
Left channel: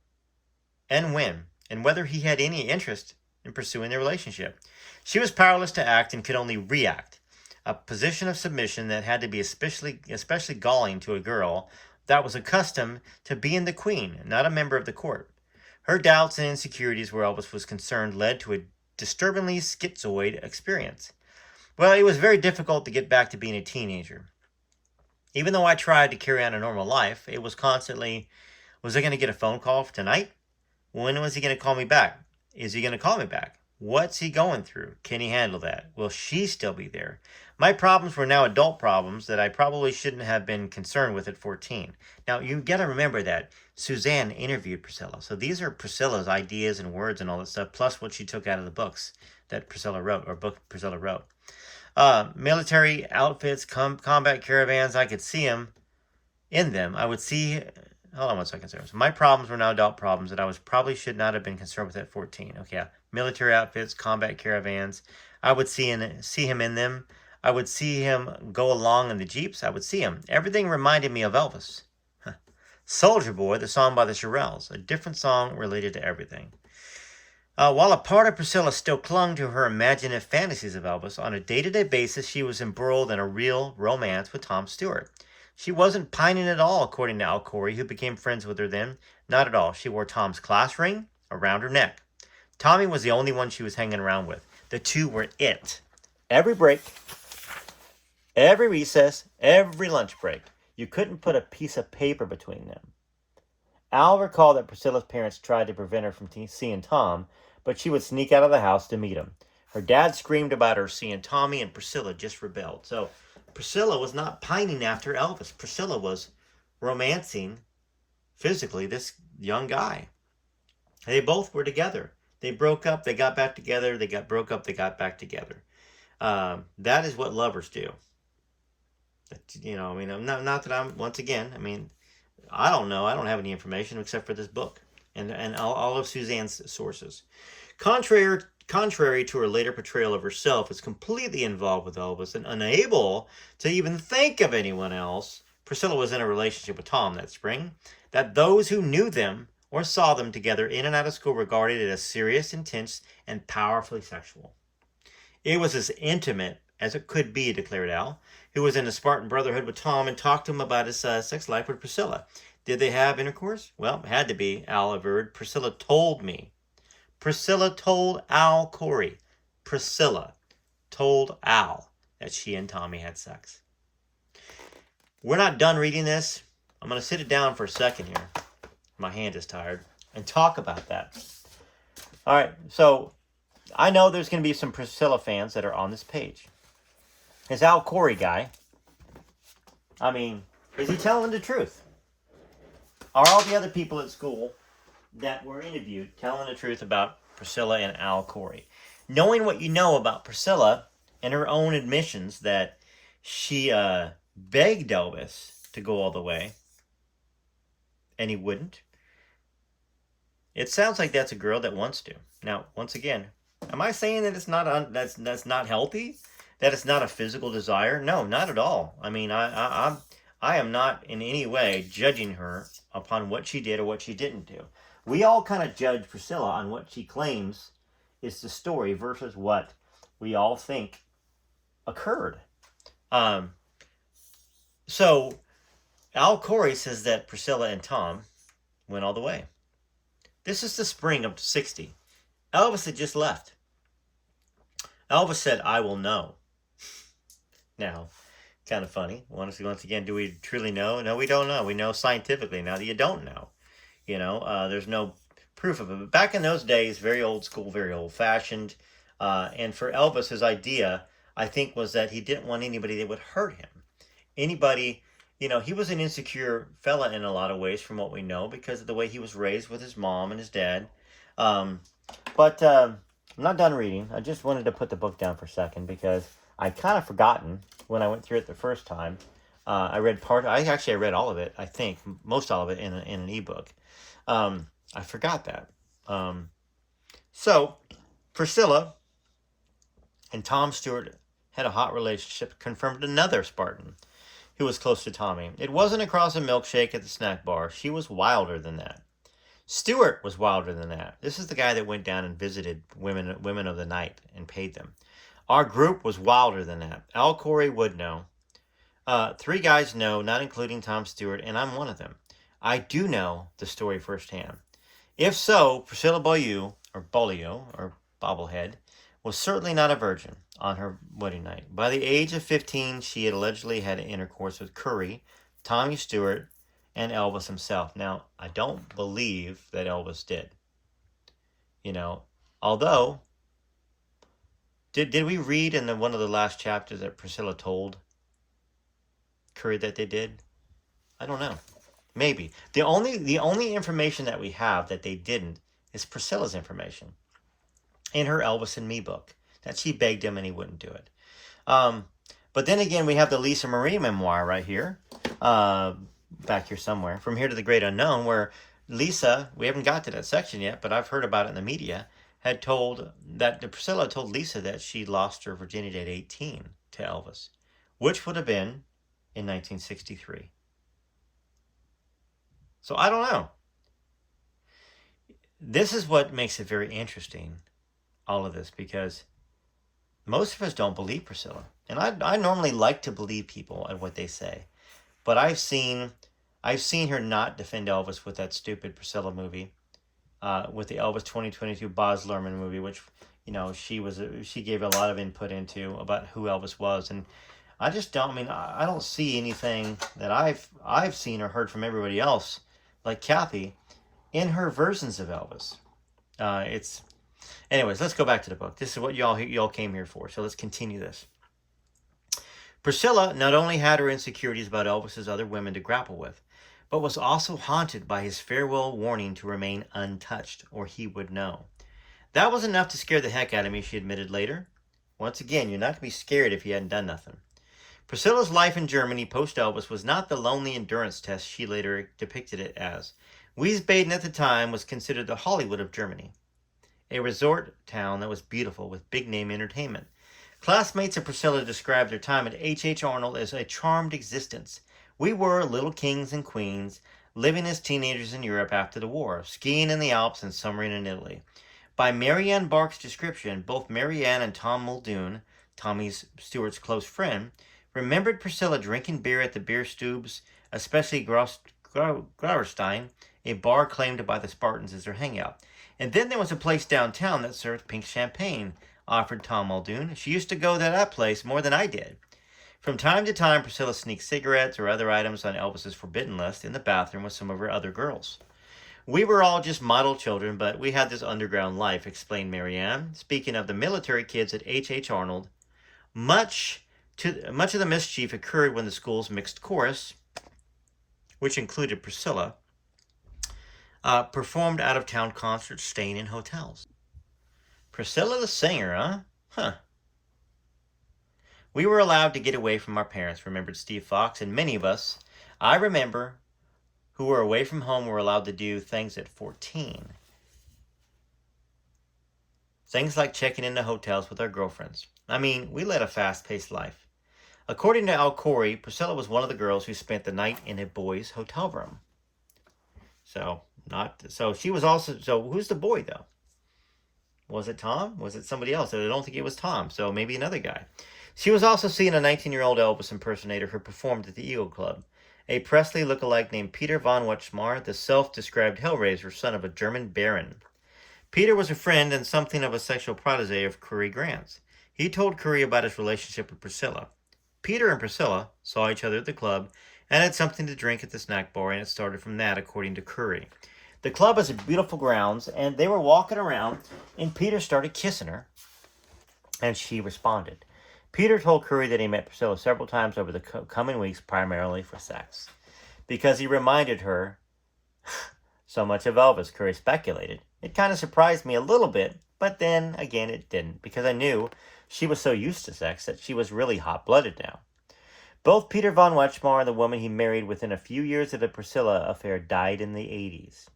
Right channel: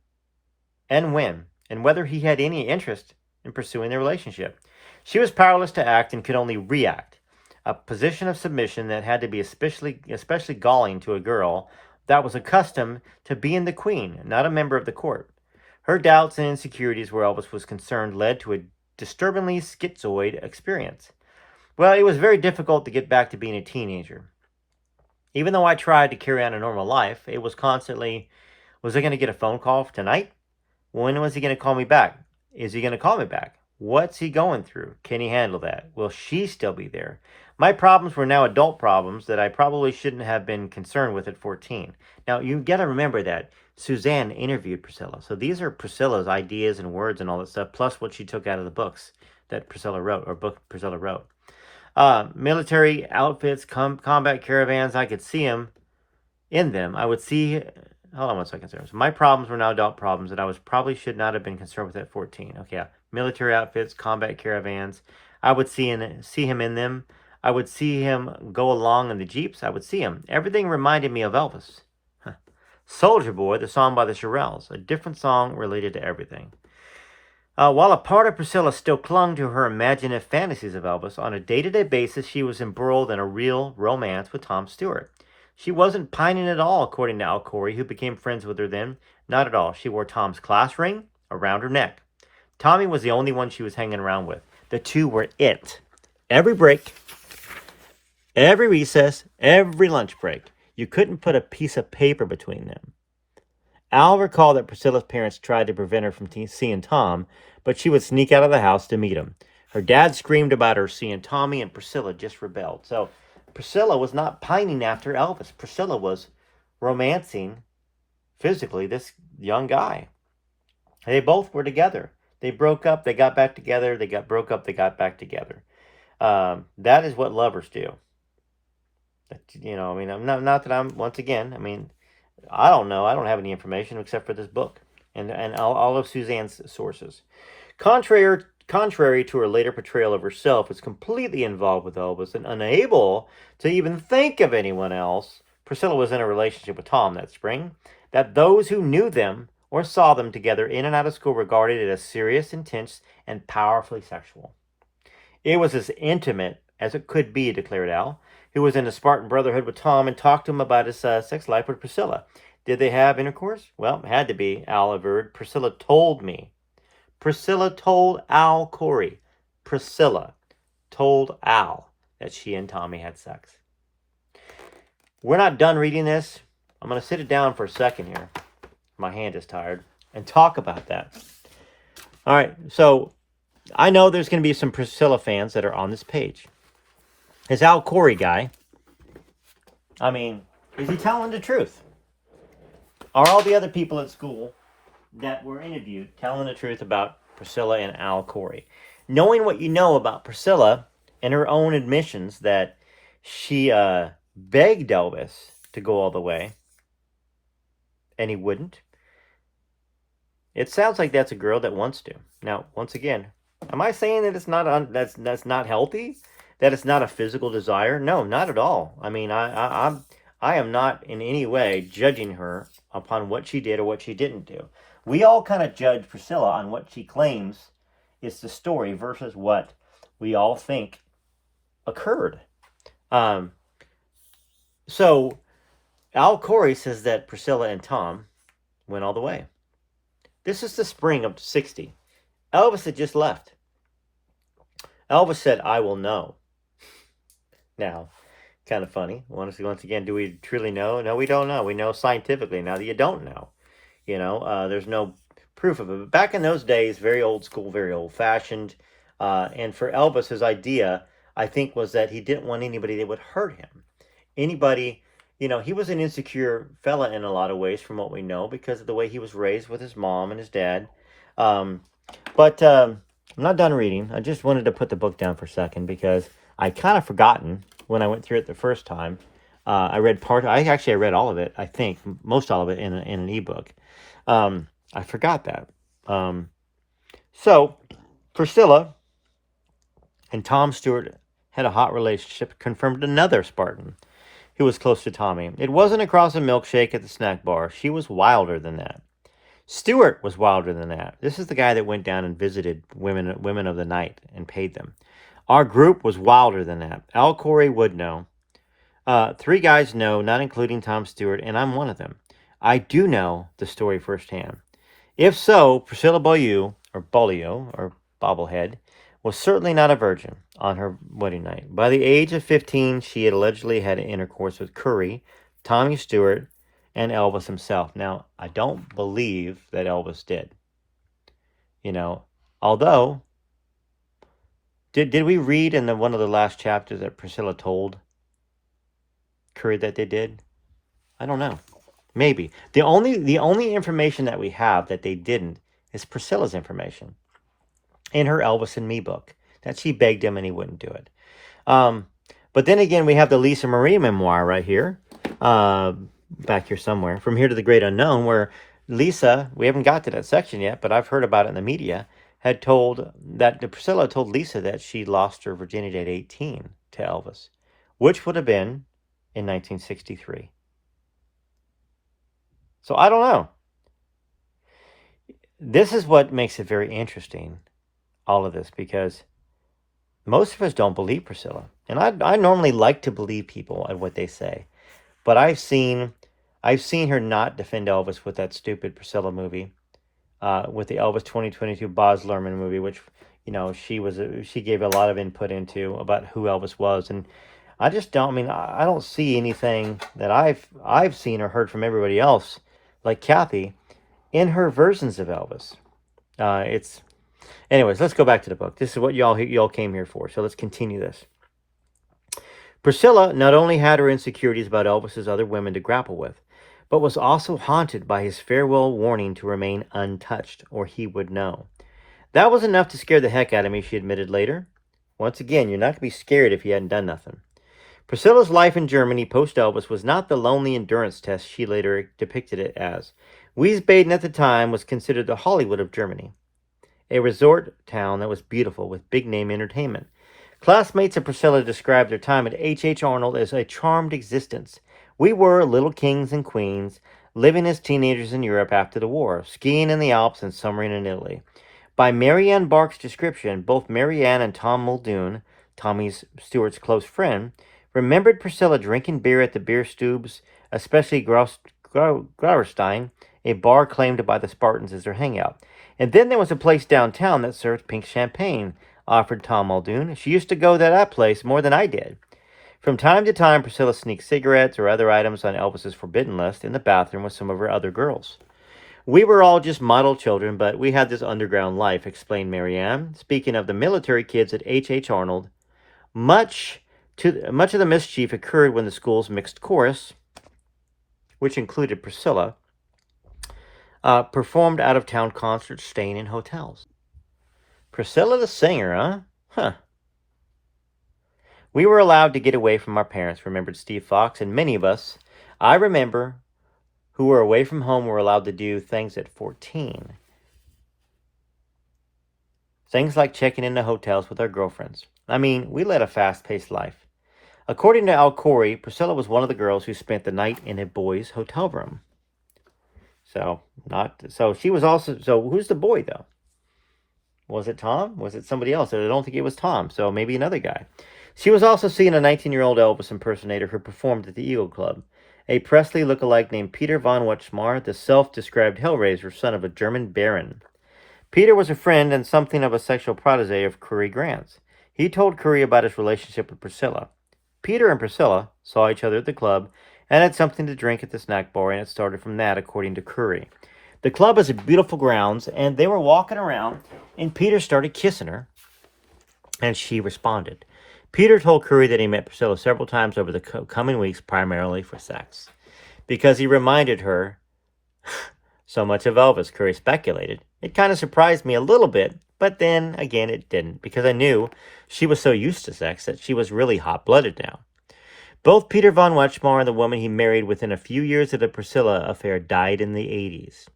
and when, and whether he had any interest in pursuing the relationship. She was powerless to act and could only react, a position of submission that had to be especially galling to a girl that was accustomed to being the queen, not a member of the court. Her doubts and insecurities where Elvis was concerned led to a disturbingly schizoid experience. Well, it was very difficult to get back to being a teenager. Even though I tried to carry on a normal life, it was constantly, was I going to get a phone call tonight? When was he going to call me back? Is he going to call me back? What's he going through? Can he handle that? Will she still be there? My problems were now adult problems that I probably shouldn't have been concerned with at 14. Now, you got to remember that Suzanne interviewed Priscilla. So these are Priscilla's ideas and words and all that stuff, plus what she took out of the books that Priscilla wrote, or book Priscilla wrote. Military outfits, combat caravans, I could see him in them. I would see... Hold on one second, sir. So my problems were now adult problems that I probably should not have been concerned with at 14. Okay, yeah. Military outfits, combat caravans. I would see him in them. I would see him go along in the Jeeps. I would see him. Everything reminded me of Elvis. Soldier Boy, the song by the Shirelles. A different song related to everything. While a part of Priscilla still clung to her imaginative fantasies of Elvis, on a day-to-day basis she was embroiled in a real romance with Tom Stewart. She wasn't pining at all, according to Al Corey, who became friends with her then. Not at all. She wore Tom's class ring around her neck. Tommy was the only one she was hanging around with. The two were it. Every break, every recess, every lunch break, you couldn't put a piece of paper between them. Al recalled that Priscilla's parents tried to prevent her from seeing Tom, but she would sneak out of the house to meet him. Her dad screamed about her seeing Tommy, and Priscilla just rebelled. So Priscilla was not pining after Elvis. Priscilla was romancing physically this young guy. They both were together. They broke up, they got back together. They broke up, they got back together. That is what lovers do. Not that I'm, once again, I don't know. I don't have any information except for this book and all of Suzanne's sources. Contrary to her later portrayal of herself as completely involved with Elvis and unable to even think of anyone else, Priscilla was in a relationship with Tom that spring that those who knew them or saw them together in and out of school regarded it as serious, intense, and powerfully sexual. It was as intimate as it could be, declared Al, who was in a Spartan brotherhood with Tom and talked to him about his sex life with Priscilla. Did they have intercourse? Well, it had to be, Al averred. Priscilla told me. Priscilla told Al Corey. Priscilla told Al that she and Tommy had sex. We're not done reading this. I'm going to sit it down for a second here. My hand is tired. And talk about that. All right, so I know there's going to be some Priscilla fans that are on this page. This Al Corey guy, I mean, is he telling the truth? Are all the other people at school that were interviewed telling the truth about Priscilla and Al Corey? Knowing what you know about Priscilla and her own admissions that she begged Elvis to go all the way, and he wouldn't. It sounds like that's a girl that wants to. Now, once again, am I saying that it's not that's not healthy? That it's not a physical desire? No, not at all. I mean, I am not in any way judging her upon what she did or what she didn't do. We all kind of judge Priscilla on what she claims is the story versus what we all think occurred. So Al Corey says that Priscilla and Tom went all the way. This is the spring of '60. Elvis had just left. Elvis said, "I will know." Now, kind of funny. Once again, do we truly know? No, we don't know. We know scientifically now that you don't know. There's no proof of it. But back in those days, very old school, very old fashioned. And for Elvis, his idea, I think, was that he didn't want anybody that would hurt him. Anybody, he was an insecure fella in a lot of ways from what we know because of the way he was raised with his mom and his dad. But I'm not done reading. I just wanted to put the book down for a second because I kind of forgotten when I went through it the first time. I read I read all of it, I think, most all of it in an ebook. I forgot that. So, Priscilla and Tom Stewart had a hot relationship, confirmed another Spartan who was close to Tommy. It wasn't across a milkshake at the snack bar. She was wilder than that. Stewart was wilder than that. This is the guy that went down and visited women of the night and paid them. Our group was wilder than that. Al Corey would know. 3 guys know, not including Tom Stewart, and I'm one of them. I do know the story firsthand. If so, Priscilla Beaulieu, or Bobblehead, was certainly not a virgin on her wedding night. By the age of 15, she had allegedly had intercourse with Curry, Tommy Stewart, and Elvis himself. Now, I don't believe that Elvis did. Although, did we read in one of the last chapters that Priscilla told Curry that they did? I don't know. Maybe. The only information that we have that they didn't is Priscilla's information in her Elvis and Me book, that she begged him and he wouldn't do it. But then again, we have the Lisa Marie memoir right here, back here somewhere, From Here to the Great Unknown, where Lisa, we haven't got to that section yet, but I've heard about it in the media, Priscilla told Lisa that she lost her virginity at 18 to Elvis, which would have been in 1963. So I don't know. This is what makes it very interesting, all of this, because most of us don't believe Priscilla. And I normally like to believe people at what they say. But I've seen her not defend Elvis with that stupid Priscilla movie, with the Elvis 2022 Baz Luhrmann movie, which, she gave a lot of input into about who Elvis was. And I just don't, I don't see anything that I've seen or heard from everybody else, like Kathy, in her versions of Elvis. Anyways, let's go back to the book. This is what y'all came here for, so let's continue this. Priscilla not only had her insecurities about Elvis's other women to grapple with, but was also haunted by his farewell warning to remain untouched, or he would know. That was enough to scare the heck out of me, she admitted later. Once again, you're not going to be scared if you hadn't done nothing. Priscilla's life in Germany post-Elvis was not the lonely endurance test she later depicted it as. Wiesbaden at the time was considered the Hollywood of Germany, a resort town that was beautiful with big-name entertainment. Classmates of Priscilla described their time at H.H. Arnold as a charmed existence. We were little kings and queens, living as teenagers in Europe after the war, skiing in the Alps and summering in Italy. By Marianne Bark's description, both Marianne and Tom Muldoon, Tommy Stewart's close friend, remembered Priscilla drinking beer at the beer stubes, especially Grauerstein, a bar claimed by the Spartans as their hangout. And then there was a place downtown that served pink champagne, offered Tom Muldoon. She used to go to that place more than I did. From time to time, Priscilla sneaked cigarettes or other items on Elvis's forbidden list in the bathroom with some of her other girls. We were all just model children, but we had this underground life, explained Marianne. Speaking of the military kids at H. Arnold, much of the mischief occurred when the school's mixed chorus, which included Priscilla, performed out-of-town concerts, staying in hotels. Priscilla the singer, huh? Huh. We were allowed to get away from our parents, remembered Steve Fox, and many of us, I remember, who were away from home were allowed to do things at 14. Things like checking into hotels with our girlfriends. I mean, we led a fast-paced life. According to Al Corey, Priscilla was one of the girls who spent the night in a boys' hotel room. So she was also, so who's the boy though? Was it Tom? Was it somebody else? I don't think it was Tom, so maybe another guy. She was also seeing a 19-year-old Elvis impersonator who performed at the Eagle Club. A Presley lookalike named Peter von Wetschmar, the self-described Hellraiser, son of a German baron. Peter was a friend and something of a sexual protege of Curry Grant's. He told Curry about his relationship with Priscilla. Peter and Priscilla saw each other at the club and had something to drink at the snack bar, and it started from that, according to Curry. The club has beautiful grounds, and they were walking around, and Peter started kissing her, and she responded. Peter told Curry that he met Priscilla several times over the coming weeks, primarily for sex. Because he reminded her so much of Elvis, Curry speculated. It kind of surprised me a little bit, but then again it didn't, because I knew she was so used to sex that she was really hot-blooded now. Both Peter von Wetschmar and the woman he married within a few years of the Priscilla affair died in the 80s.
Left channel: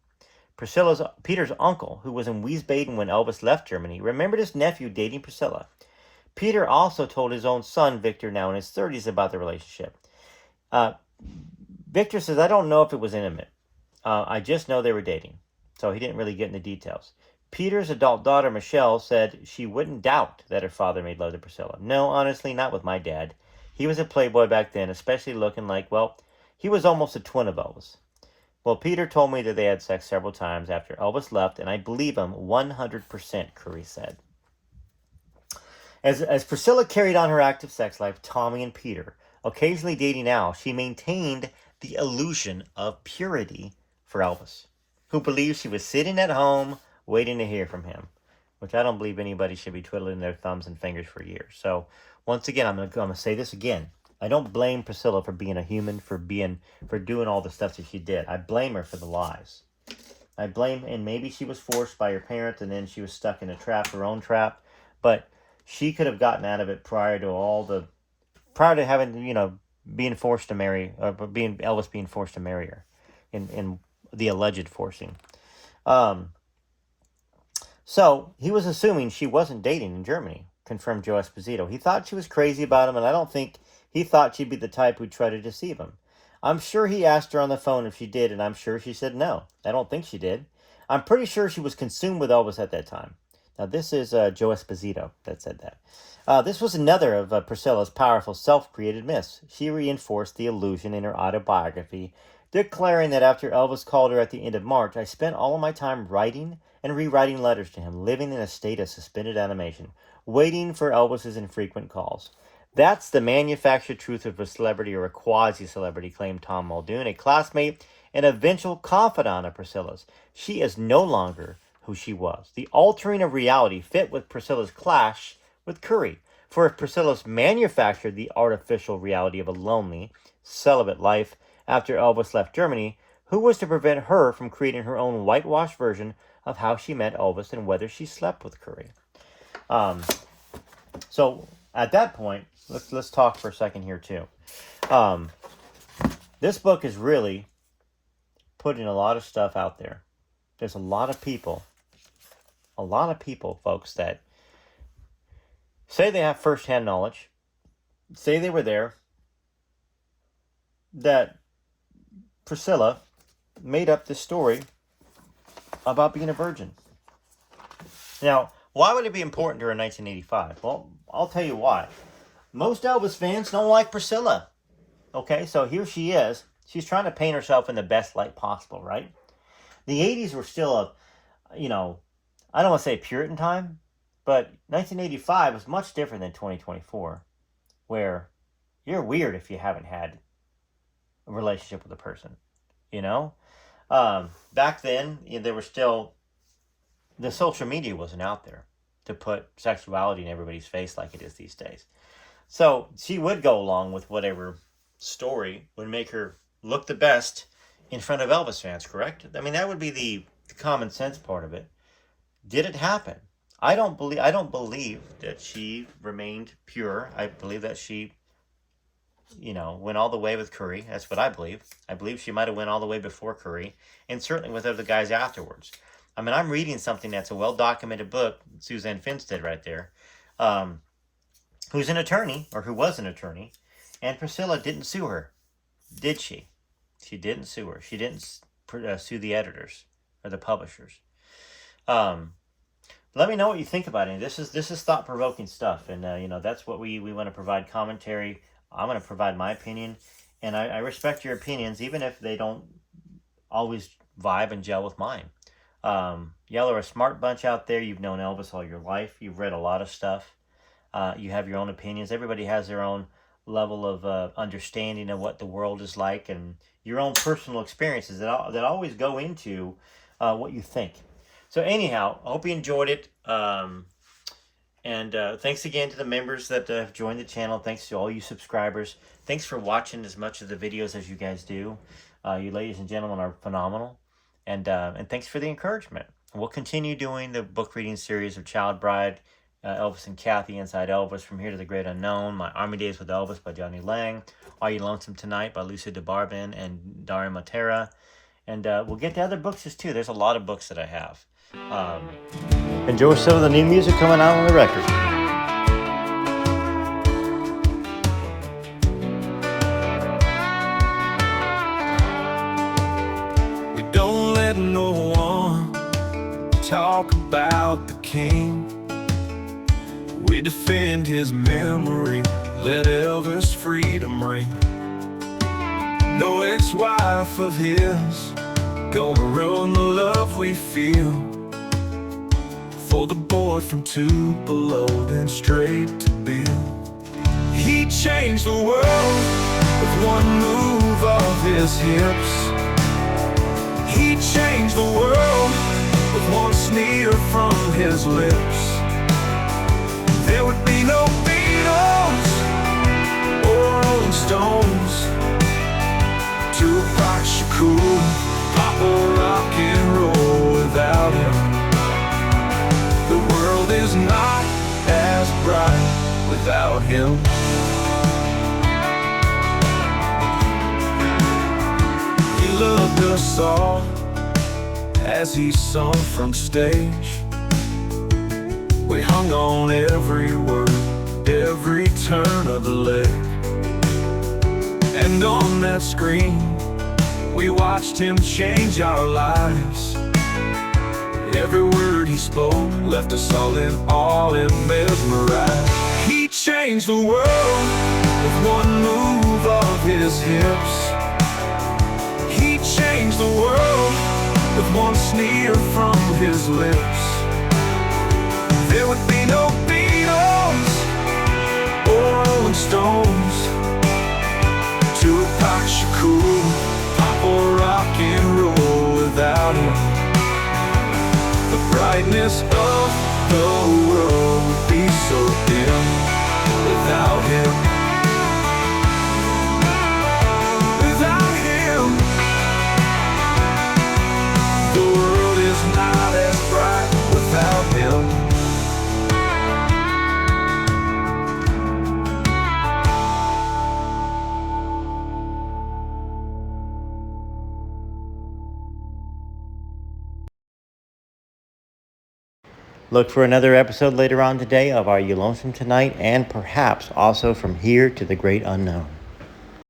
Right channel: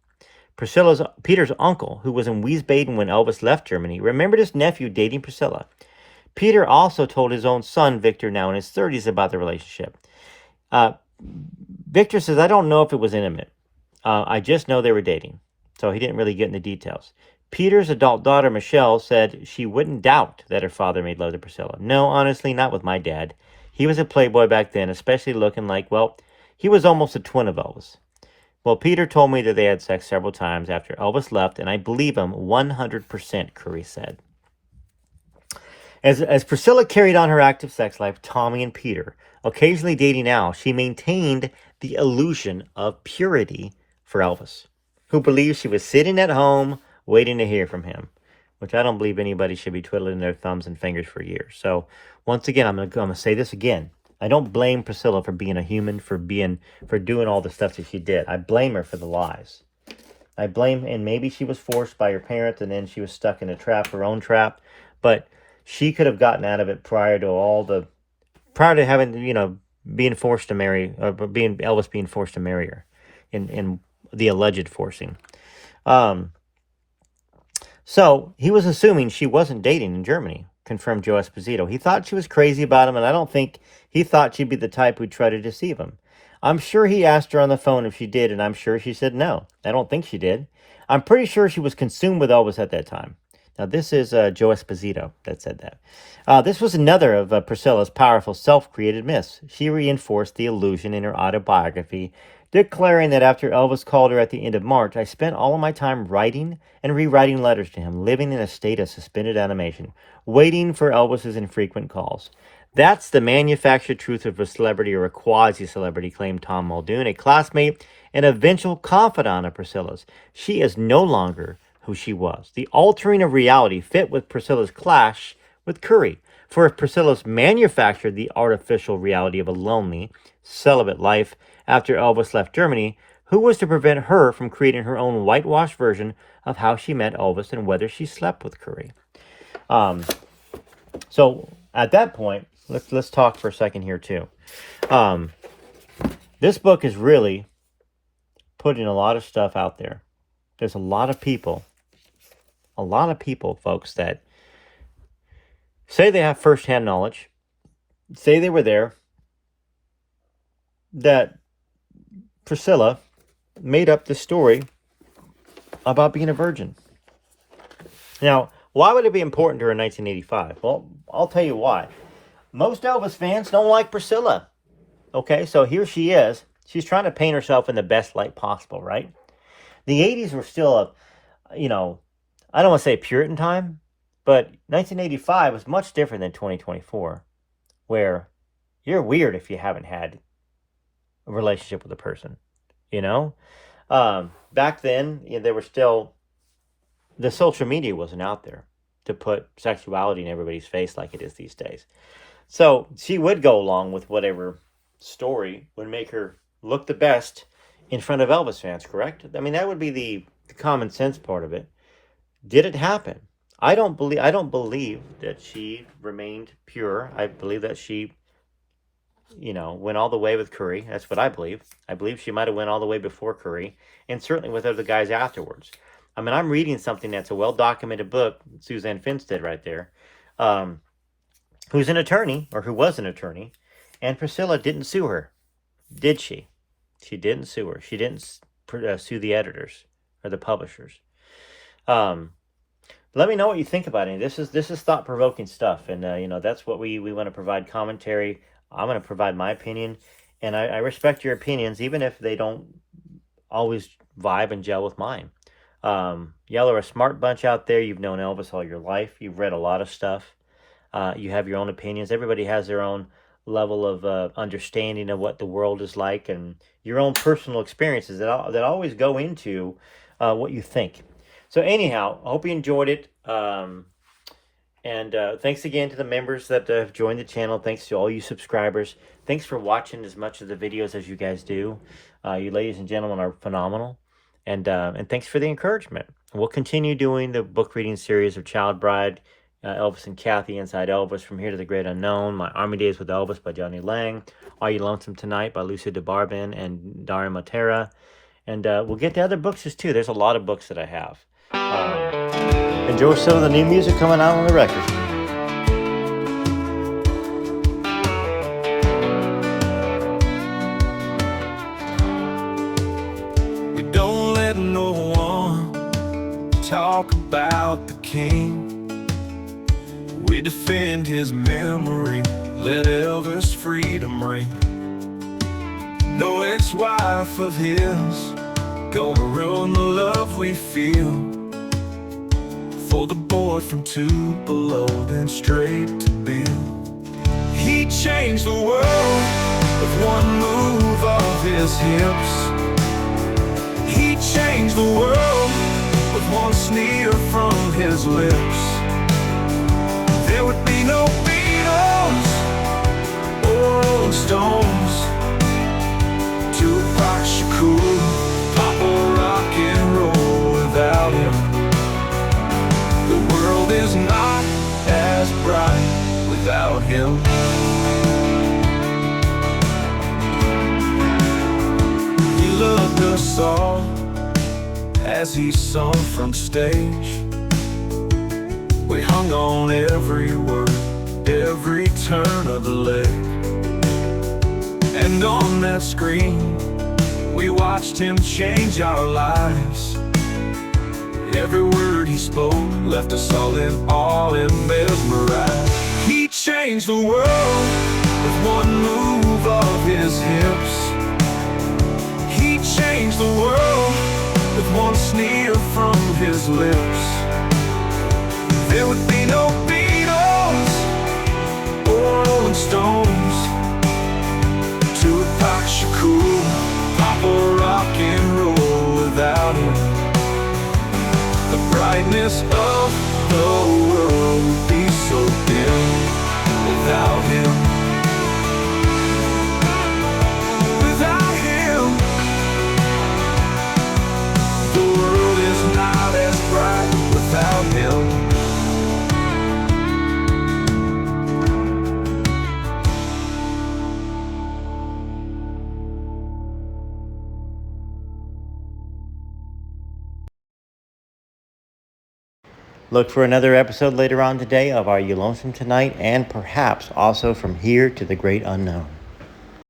Peter's uncle, who was in Wiesbaden when Elvis left Germany, remembered his nephew dating Priscilla. Peter also told his own son, Victor, now in his 30s, about the relationship. Victor says, I don't know if it was intimate. I just know they were dating. So he didn't really get into details. Peter's adult daughter, Michelle, said she wouldn't doubt that her father made love to Priscilla. No, honestly, not with my dad. He was a playboy back then, especially looking like, well, he was almost a twin of Elvis. Well, Peter told me that they had sex several times after Elvis left, and I believe him 100%, Curry said. As Priscilla carried on her active sex life, Tommy and Peter, occasionally dating Al, she maintained the illusion of purity for Elvis, who believed she was sitting at home waiting to hear from him, which I don't believe anybody should be twiddling their thumbs and fingers for years. So once again, I'm gonna say this again. I don't blame Priscilla for being a human, for doing all the stuff that she did. I blame her for the lies. And maybe she was forced by her parents, and then she was stuck in a trap, her own trap. But she could have gotten out of it prior to having, being forced to marry, or Elvis being forced to marry her, in the alleged forcing. So he was assuming she wasn't dating in Germany, confirmed Joe Esposito. He thought she was crazy about him, and I don't think he thought she'd be the type who'd try to deceive him. I'm sure he asked her on the phone if she did, and I'm sure she said no. I don't think she did. I'm pretty sure she was consumed with Elvis at that time. Now, this is Joe Esposito that said that. This was another of Priscilla's powerful self-created myths. She reinforced the illusion in her autobiography, declaring that after Elvis called her at the end of March, I spent all of my time writing and rewriting letters to him, living in a state of suspended animation, waiting for Elvis's infrequent calls. That's the manufactured truth of a celebrity or a quasi-celebrity, claimed Tom Muldoon, a classmate and eventual confidant of Priscilla's. She is no longer who she was. The altering of reality fit with Priscilla's clash with Curry. For if Priscilla's manufactured the artificial reality of a lonely, celibate life after Elvis left Germany, who was to prevent her from creating her own whitewashed version of how she met Elvis and whether she slept with Curry? So at that point, let's talk for a second here too. This book is really putting a lot of stuff out there. There's a lot of people, folks, that say they have firsthand knowledge, say they were there, that Priscilla made up this story about being a virgin. Now, why would it be important to her in 1985? Well, I'll tell you why. Most Elvis fans don't like Priscilla. Okay, so here she is. She's trying to paint herself in the best light possible, right? The 80s were still I don't want to say Puritan time, but 1985 was much different than 2024, where you're weird if you haven't had a relationship with a person, you know? Back then, there was still, the social media wasn't out there to put sexuality in everybody's face like it is these days. So she would go along with whatever story would make her look the best in front of Elvis fans, correct? I mean, that would be the common sense part of it. Did it happen? I don't believe that she remained pure. I believe that she, went all the way with Curry. That's what I believe. I believe she might have went all the way before Curry, and certainly with other guys afterwards. I mean, I'm reading something that's a well-documented book, Suzanne Finstead right there, um, who's an attorney, or who was an attorney, and Priscilla didn't sue her, did she? She didn't sue her. She didn't sue the editors or the publishers. Um, Let me know what you think about it. This is thought provoking stuff, and that's what we want to provide commentary. I'm going to provide my opinion, and I respect your opinions, even if they don't always vibe and gel with mine. Y'all are a smart bunch out there. You've known Elvis all your life. You've read a lot of stuff. You have your own opinions. Everybody has their own level of understanding of what the world is like, and your own personal experiences that always go into what you think. So anyhow, I hope you enjoyed it. And thanks again to the members that have joined the channel. Thanks to all you subscribers. Thanks for watching as much of the videos as you guys do. You ladies and gentlemen are phenomenal. And thanks for the encouragement. We'll continue doing the book reading series of Child Bride, Elvis and Kathy, Inside Elvis, From Here to the Great Unknown, My Army Days with Elvis by Johnny Lang, Are You Lonesome Tonight by Lucia DeBarban and Daria Matera. And we'll get to other books too. There's a lot of books that I have. Enjoy some of the new music coming out on the record. We don't let no one talk about the king. We defend his memory, let Elvis' freedom ring. No ex-wife of his gonna ruin the love we feel. For the boy from Tupelo, then straight to Bill. He changed the world with one move of his hips. He changed the world with one sneer from his lips. There would be no Beatles or Rolling Stones, Tupac Shakur, pop or rock and roll without him. The world is not as bright without him. He loved us all as he sung from stage. We hung on every word, every turn of the leg. And on that screen, we watched him change our lives. Every word he spoke left us all in awe and mesmerized. He changed the world with one move of his hips. He changed the world with one sneer from his lips. There would be no Beatles or Rolling Stones, Tupac Shakur, pop or rock and roll without him. The brightness of the world would be so dim without him. Without him, the world is not as bright without him. Look for another episode later on today of Are You Lonesome Tonight, and perhaps also From Here to the Great Unknown.